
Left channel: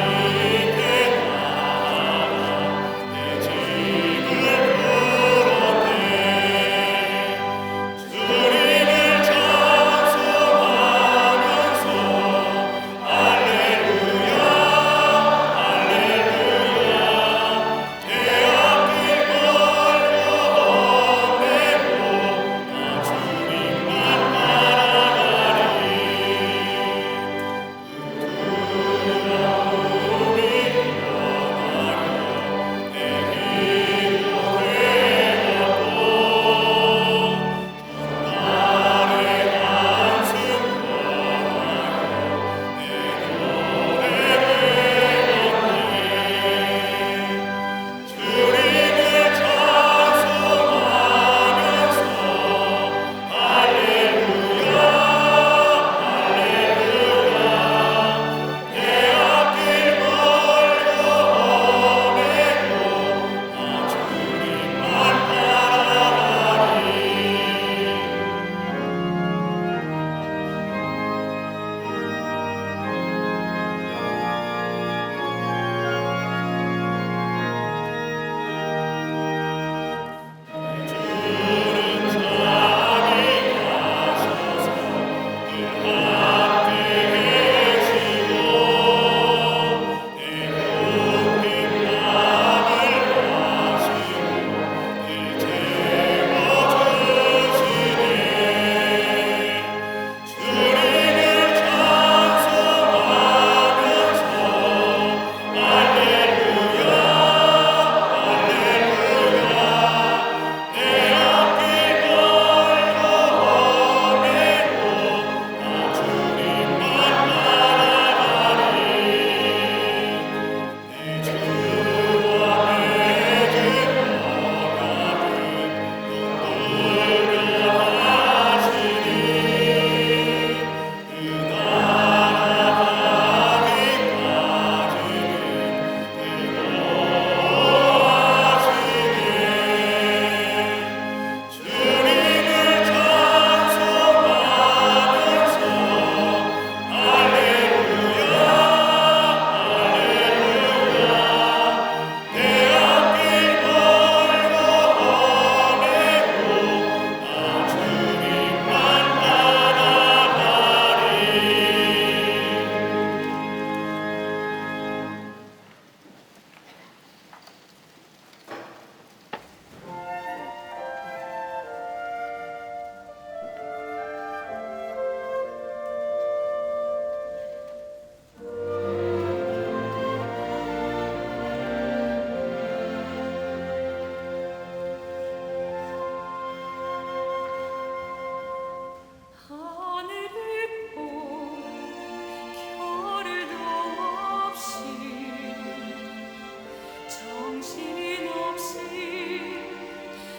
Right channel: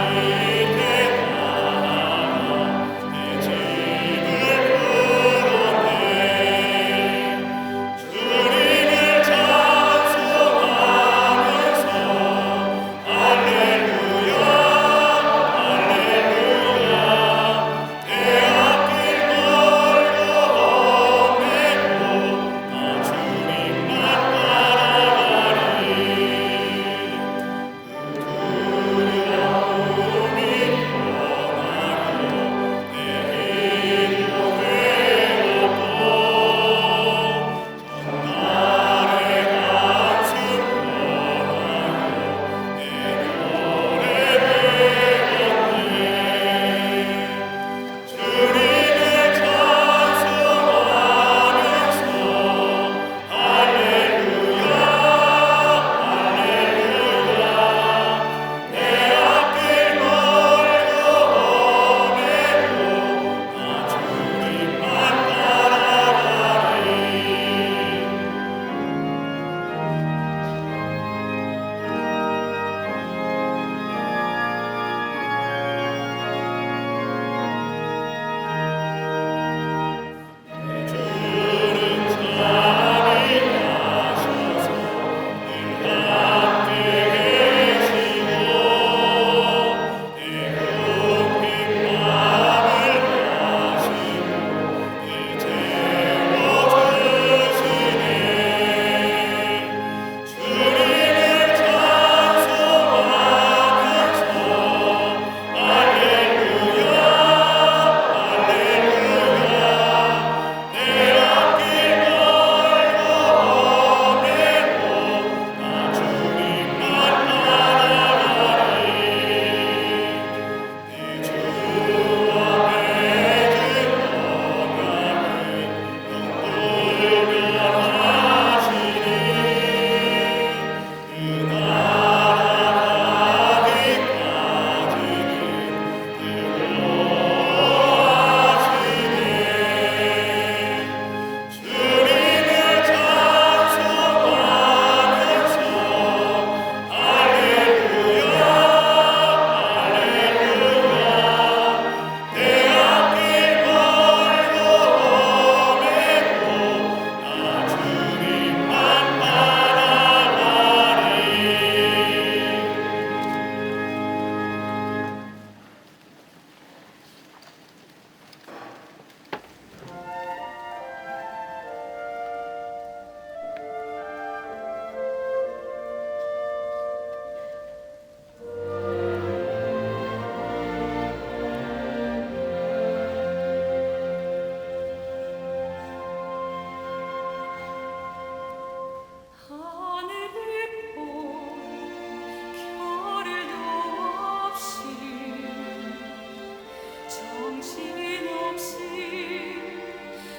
정신없이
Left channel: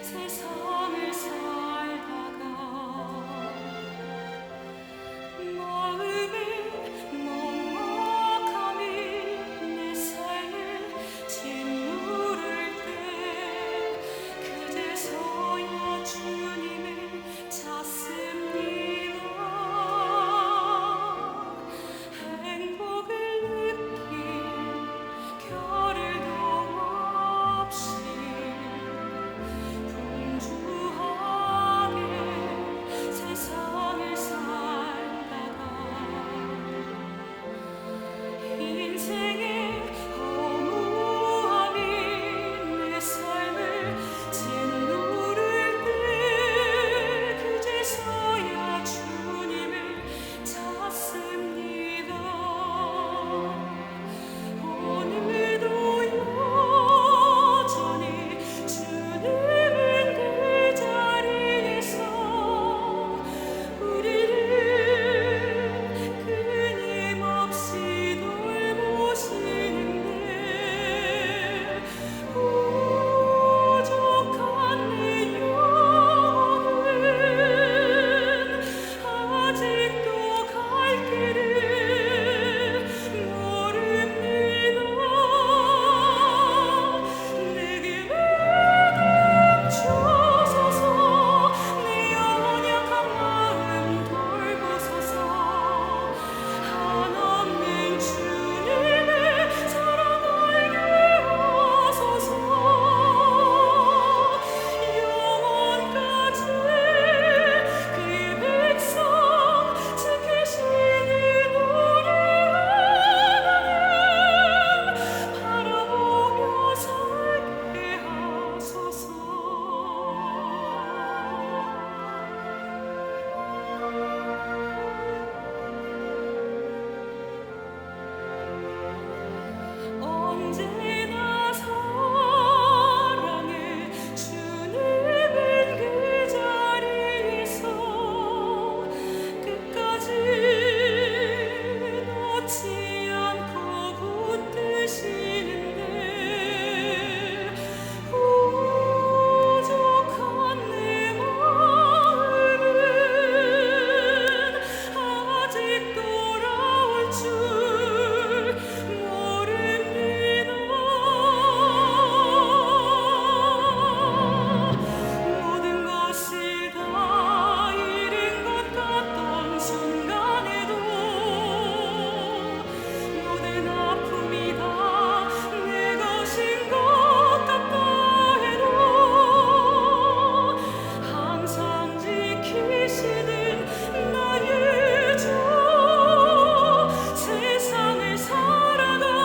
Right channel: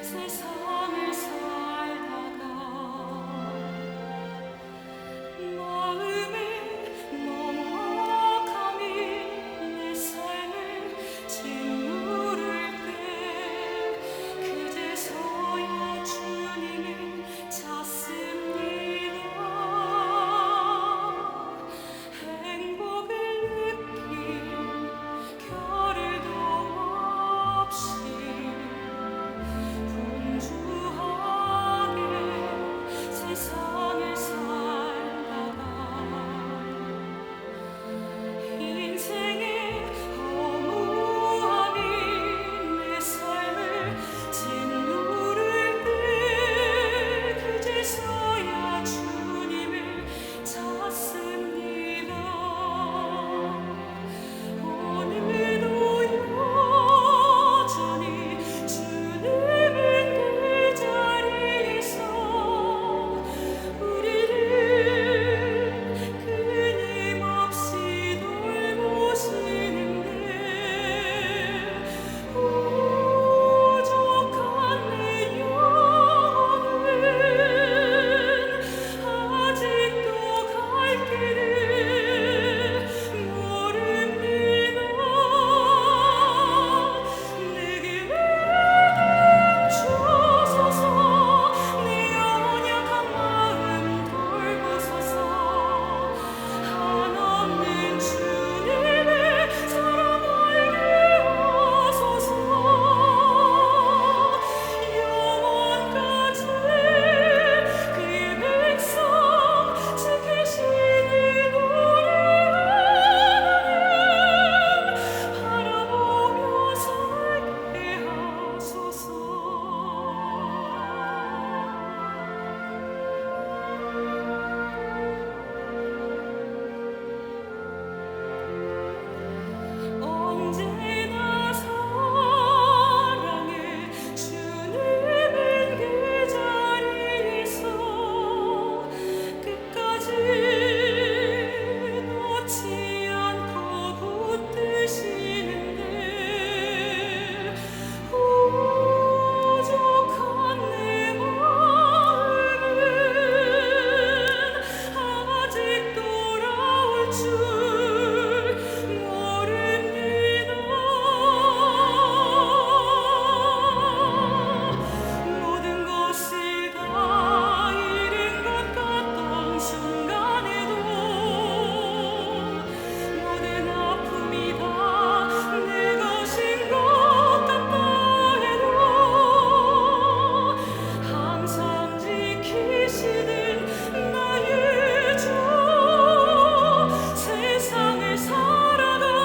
세상을 살다가 마음의 먹먹함이 내 삶을 짓누를 때 그제서야 주님을 찾습니다. 행복을 느낄 겨를도 없이 분주하게 세상을 살다가 인생의 허무함이 내 삶을 짓누를 때 그제서야 주님을 찾습니다. 오늘도 여전히 주님은 그 자리에서 우리를 끊임없이 돌보시는데 부족한 내 영혼은 아직도 갈 길을 모릅니다. 내게 멈추소서. 내 연약한 마음 돌보소서. 한없는 주님의 사랑 알게 하소서. 영원까지 그의 백성 지키시는 우리 하나님 바라보며 살게 하소서. 언제나 사랑해 주님은 그 자리에서 끝까지 놓지 않고 붙드시는데 부족한 내 마음은 아직 돌아올 줄 모릅니다. 모든 것이 다 잃은 것 같던 순간에도 모든 아픔이 다 내 것인 것 같다 해도 항상 지키시는 나의 주 세상을 살아갈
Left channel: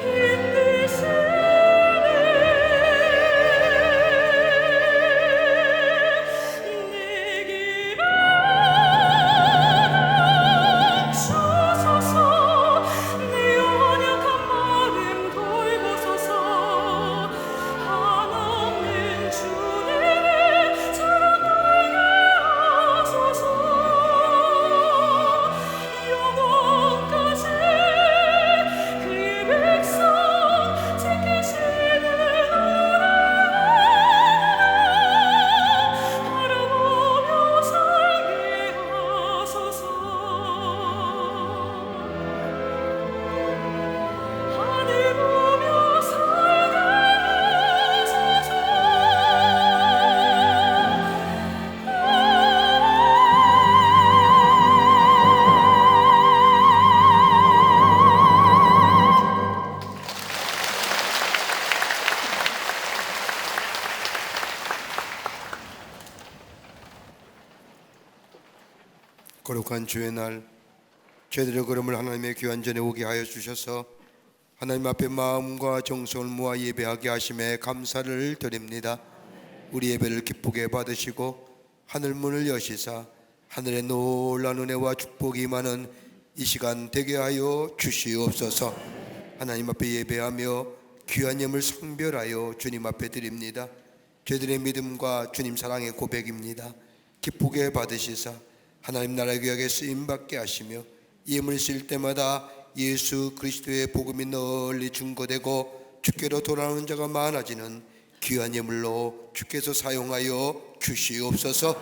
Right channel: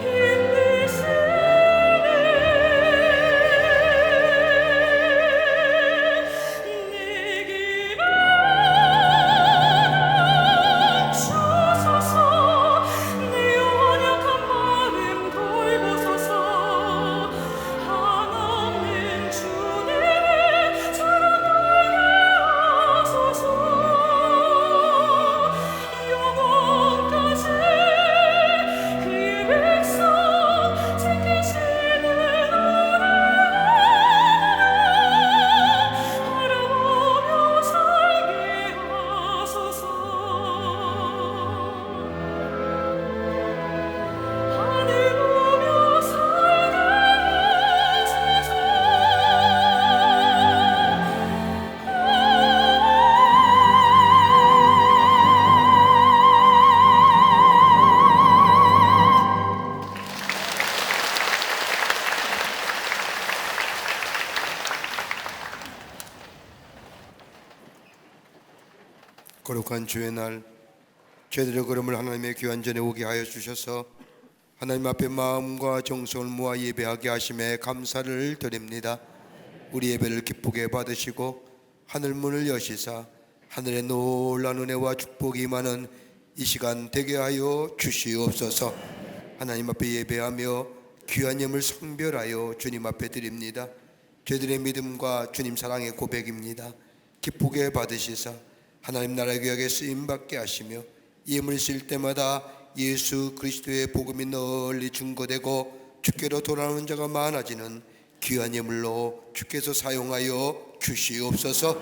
힘드시네. 내게 멈추소서. 내 연약한 마음 돌보소서. 한없는 주님의 사랑 알게 하소서. 영원까지 그의 백성 지키시는 우리 하나님 바라보며 살게 하소서. 하늘 보며 살게 하소서. 거룩한 주의 날 저희들의 걸음을 하나님의 귀한 전에 오게 하여 주셔서 하나님 앞에 마음과 정성을 모아 예배하게 하심에 감사를 드립니다. 우리 예배를 기쁘게 받으시고 하늘문을 여시사 하늘의 놀라운 은혜와 축복이 임하는 이 시간 되게 하여 주시옵소서. 하나님 앞에 예배하며 귀한 예물 성별하여 주님 앞에 드립니다. 저희들의 믿음과 주님 사랑의 고백입니다. 기쁘게 받으시사 하나님 나라의 구역에 쓰임받게 하시며 예물을 쓸 때마다 예수 그리스도의 복음이 널리 증거되고 주께로 돌아오는 자가 많아지는 귀한 예물로 주께서 사용하여 주시옵소서.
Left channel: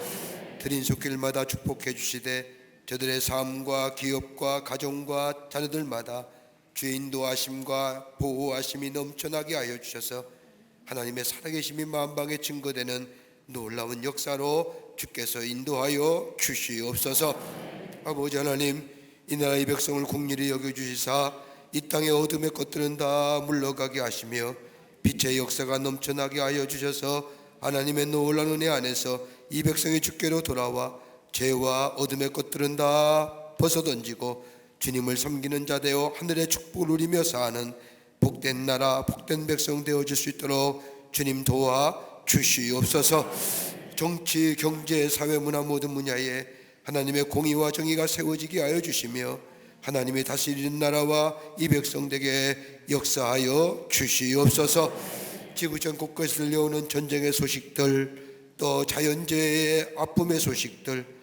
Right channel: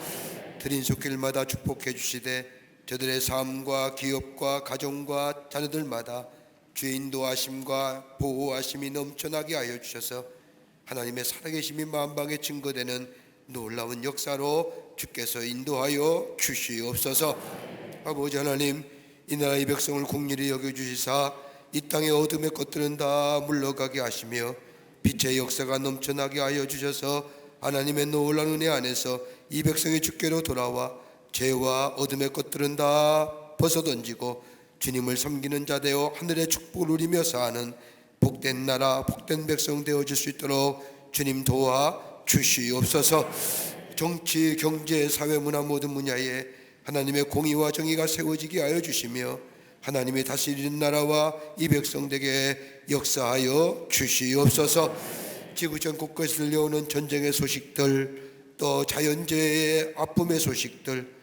드린 손길마다 축복해 주시되 저들의 삶과 기업과 가정과 자녀들마다 주의 인도하심과 보호하심이 넘쳐나게 하여 주셔서 하나님의 살아계심이 만방에 증거되는 놀라운 역사로 주께서 인도하여 주시옵소서. 아버지 하나님, 이 나라의 백성을 긍휼히 여겨주시사 이 땅의 어둠의 것들은 다 물러가게 하시며 빛의 역사가 넘쳐나게 하여 주셔서 하나님의 놀라운 은혜 안에서 이 백성이 주께로 돌아와 죄와 어둠의 것들은 다 벗어던지고 주님을 섬기는 자 되어 하늘의 축복을 누리며 사는 복된 나라 복된 백성 되어질 수 있도록 주님 도와 주시옵소서. 정치, 경제, 사회, 문화 모든 분야에 하나님의 공의와 정의가 세워지게 하여 주시며 하나님의 다스리는 나라와 이 백성들에게 역사하여 주시옵소서. 지구전 곳곳에 들려오는 전쟁의 소식들, 또 자연재해의 아픔의 소식들,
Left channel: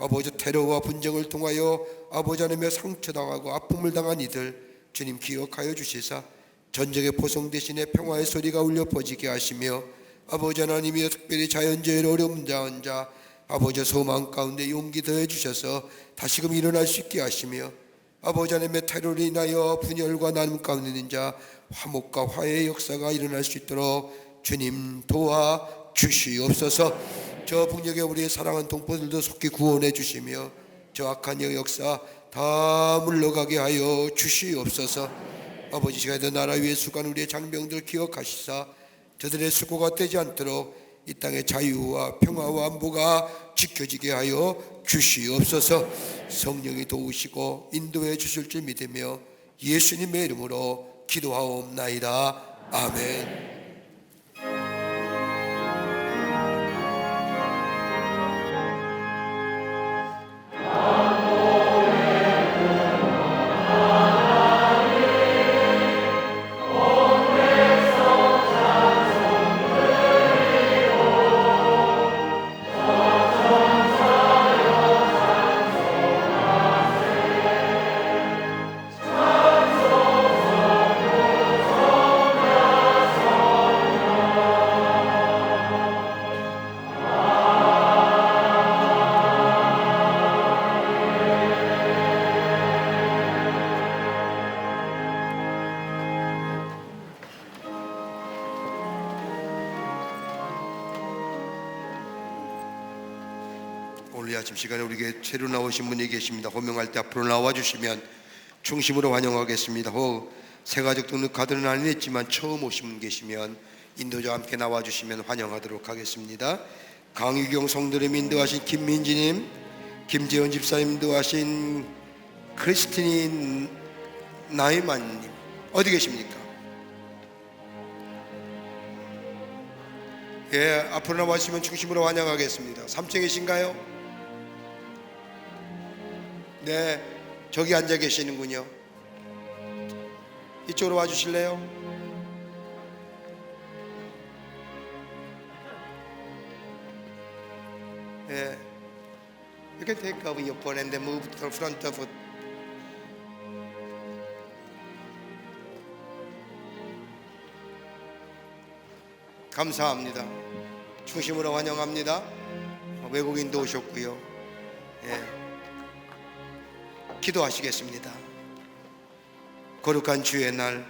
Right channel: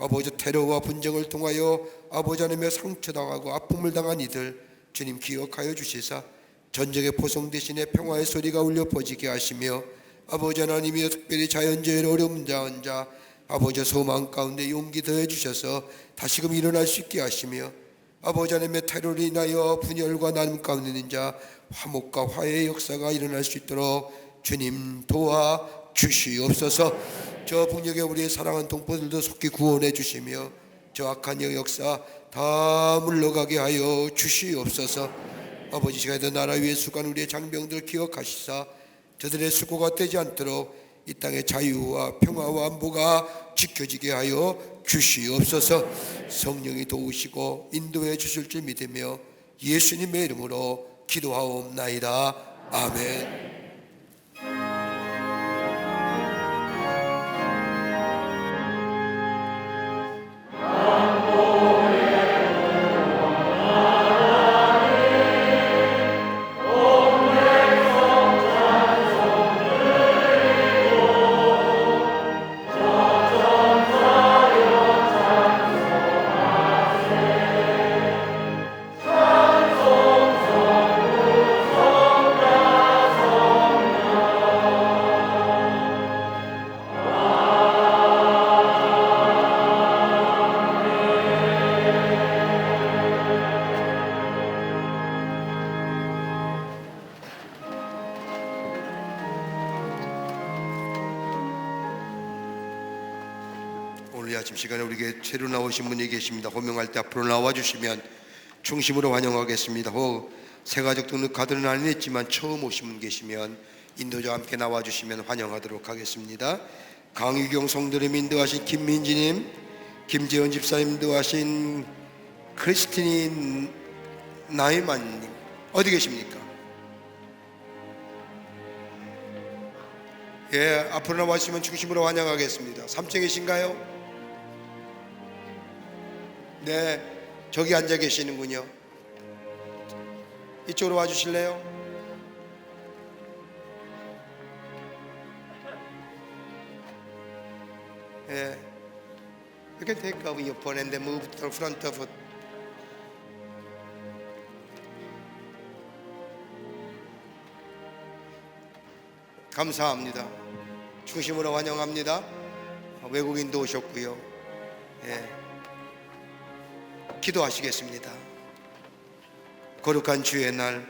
아버지 테러와 분쟁을 통하여 아버지 하나님의 상처당하고 아픔을 당한 이들 주님 기억하여 주시사 전쟁의 포성 대신에 평화의 소리가 울려 퍼지게 하시며 아버지 하나님이 특별히 자연재해로 어려움 당한 자 아버지 소망 가운데 용기 더해 주셔서 다시금 일어날 수 있게 하시며 아버지 하나님의 테러로 인하여 분열과 나눔 가운데 있는 자 화목과 화해의 역사가 일어날 수 있도록 주님 도와 주시옵소서. 저 북녘에 우리의 사랑하는 동포들도 속히 구원해 주시며 저 악한 역사 다 물러가게 하여 주시옵소서. 아버지 시간에도 나라 위에 수고하는 우리의 장병들 기억하시사 저들의 수고가 되지 않도록 이 땅의 자유와 평화와 안보가 지켜지게 하여 주시옵소서. 성령이 도우시고 인도해 주실 줄 믿으며 예수님의 이름으로 기도하옵나이다. 아멘. 오늘 아침 시간에 우리에게 새로 나오신 분이 계십니다. 호명할 때 앞으로 나와주시면 중심으로 환영하겠습니다. 새가족 등록 카드는 아니었지만 처음 오신 분 계시면 인도자와 함께 나와주시면 환영하도록 하겠습니다. 강유경 성도님 인도하신 김민지님, 김재원 집사님 인도하신 크리스티니 나이만님 어디 계십니까? 예, 앞으로 나와주시면 중심으로 환영하겠습니다. 3층에 계신가요? 네, 저기 앉아 계시는군요. 이쪽으로 와주실래요? 예, you can take over your phone and then move to the front of it. 감사합니다. 중심으로 환영합니다. 외국인도 오셨고요. 예. 기도하시겠습니다. 거룩한 주의 날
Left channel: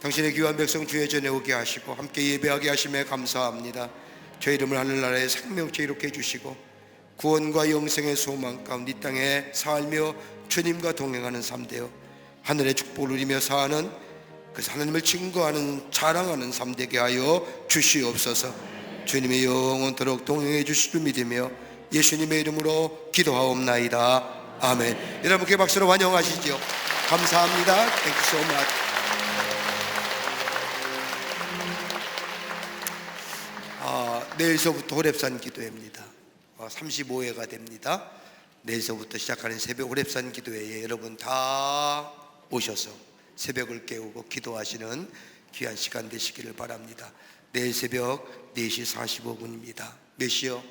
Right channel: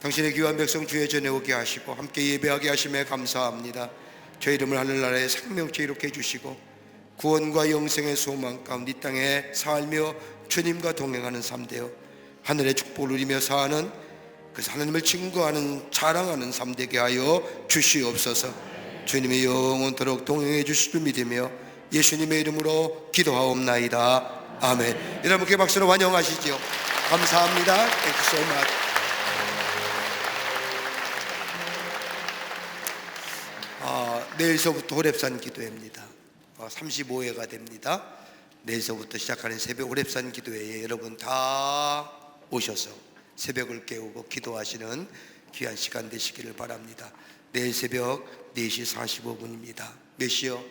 당신의 귀한 백성 주의 전에 오게 하시고 함께 예배하게 하심에 감사합니다. 저희 이름을 하늘나라의 생명체 이롭게 해주시고 구원과 영생의 소망 가운데 이 땅에 살며 주님과 동행하는 삶 되어 하늘의 축복을 누리며 사는 그 하나님을 증거하는 자랑하는 삶 되게 하여 주시옵소서. 주님의 영원토록 동행해 주실 줄 믿으며 예수님의 이름으로 기도하옵나이다. 아멘. 여러분께 박수로 환영하시죠. 감사합니다. Thank you so much. 내일서부터 호렙산 기도회입니다. 35회가 됩니다. 내일서부터 시작하는 새벽 호렙산 기도회에 여러분 다 오셔서 새벽을 깨우고 기도하시는 귀한 시간 되시기를 바랍니다. 내일 새벽 4시 45분입니다. 몇 시요?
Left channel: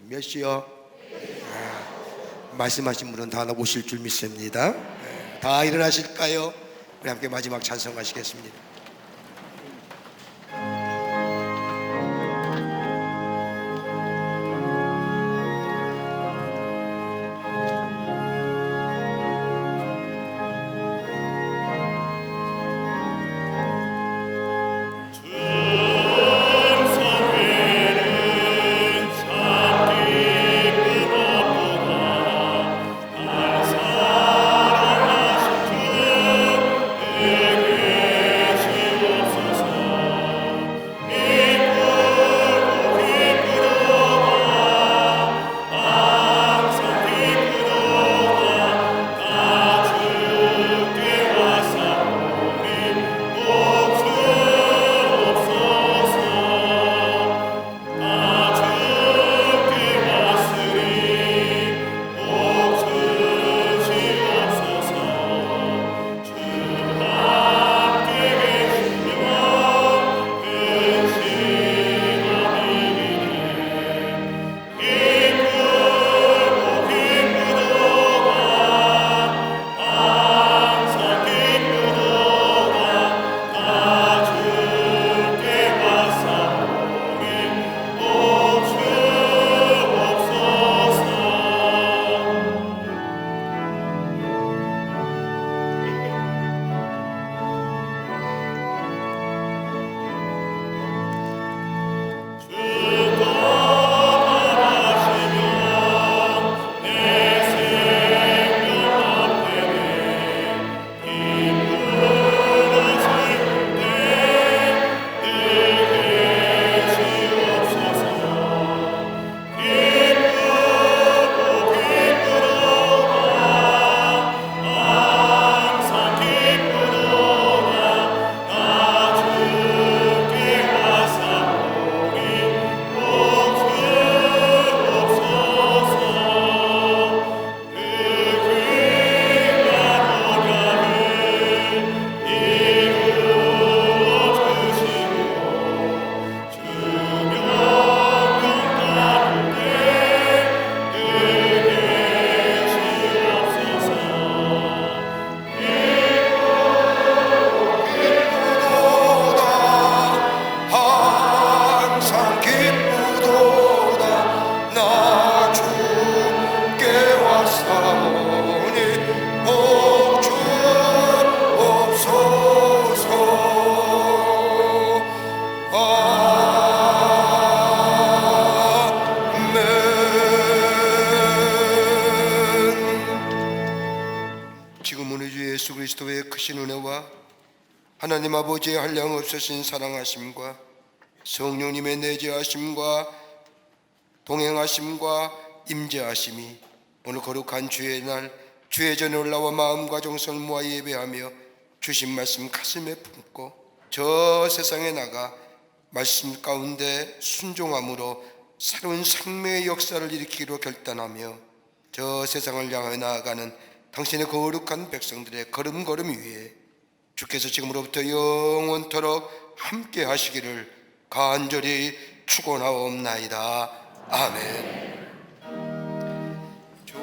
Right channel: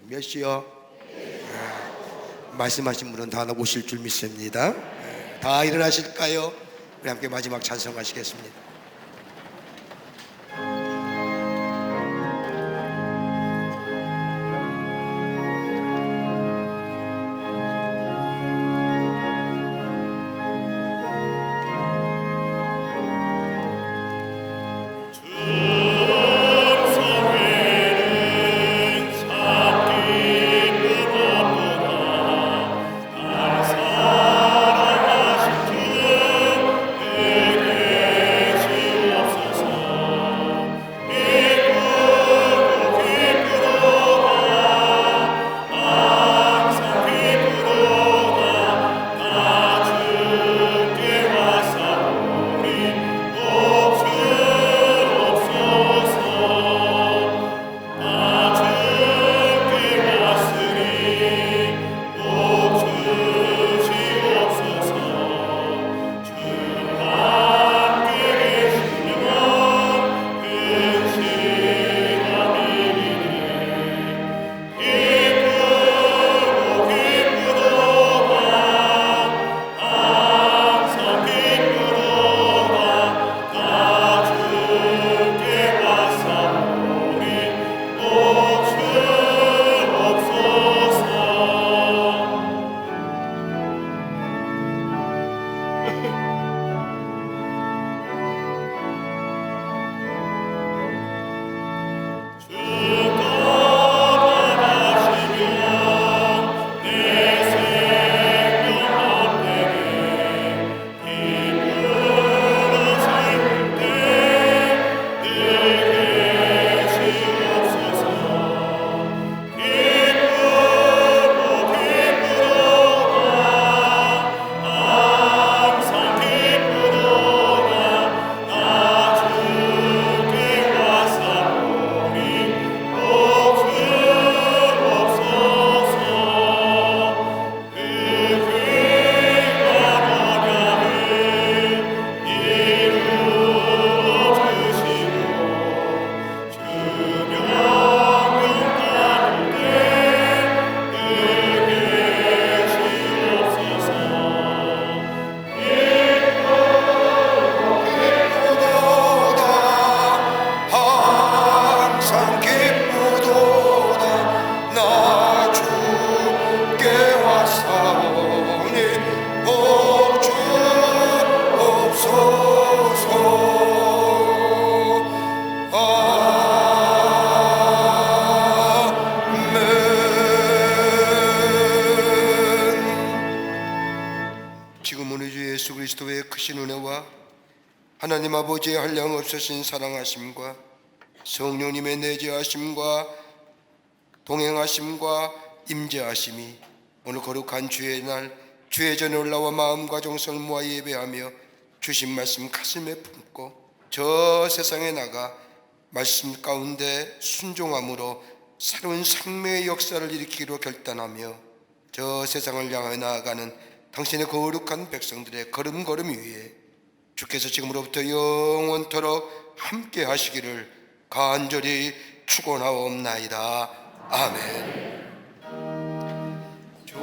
몇 시요? 말씀하신 분은 다 오실 줄 믿습니다. 다 일어나실까요? 우리 함께 마지막 찬송하시겠습니다. 예수 그리스도의 크신 은혜와 하나님 아버지의 한량없으신 사랑하심과 성령님의 내재하심과 동행하심과 임재하심이 오늘 거룩한 주의 날 주의 전에 올라와 마음과 정성을 모아 예배하며 주신 말씀 가슴에 품고 저 세상에 나가 말씀 가운데 순종함으로 새로운 생명의 역사를 일으키기로 결단하며 저 세상을 향해 나아가는 당신의 거룩한 백성들의 걸음걸음 위에 주께서 지금으로부터 영원토록 함께 하시기를 간절히 축원하옵나이다. 아멘. 좋으신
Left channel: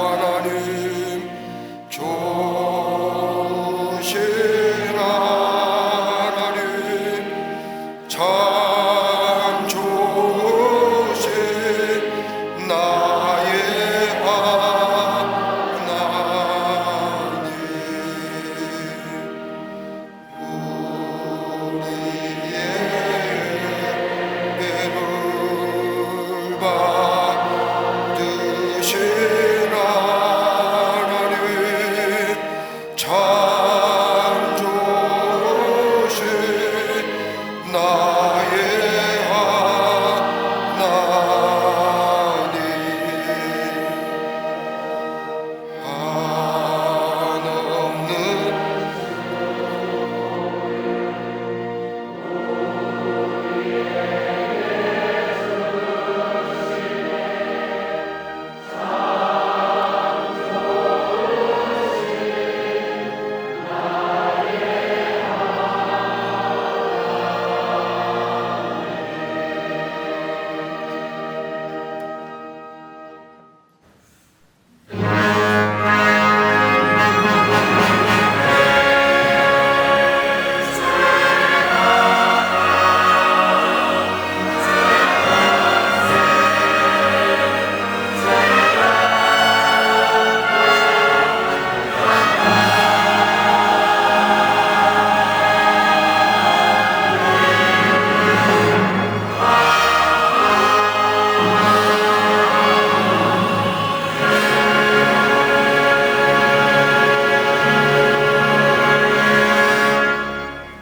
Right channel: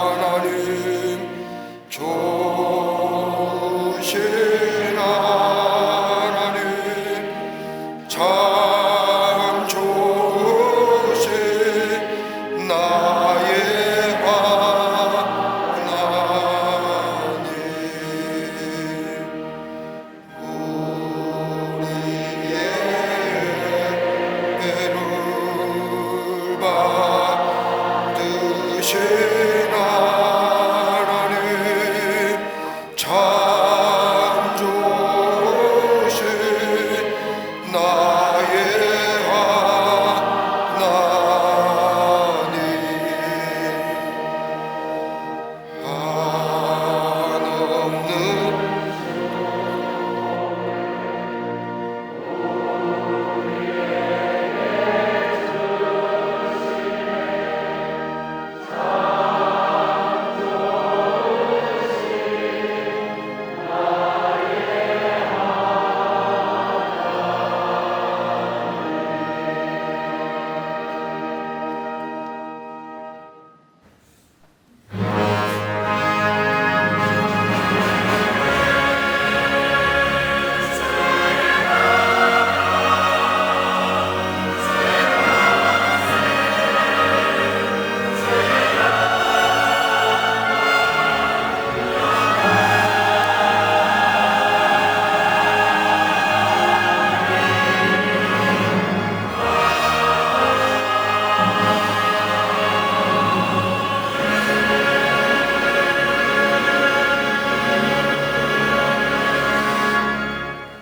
하나님,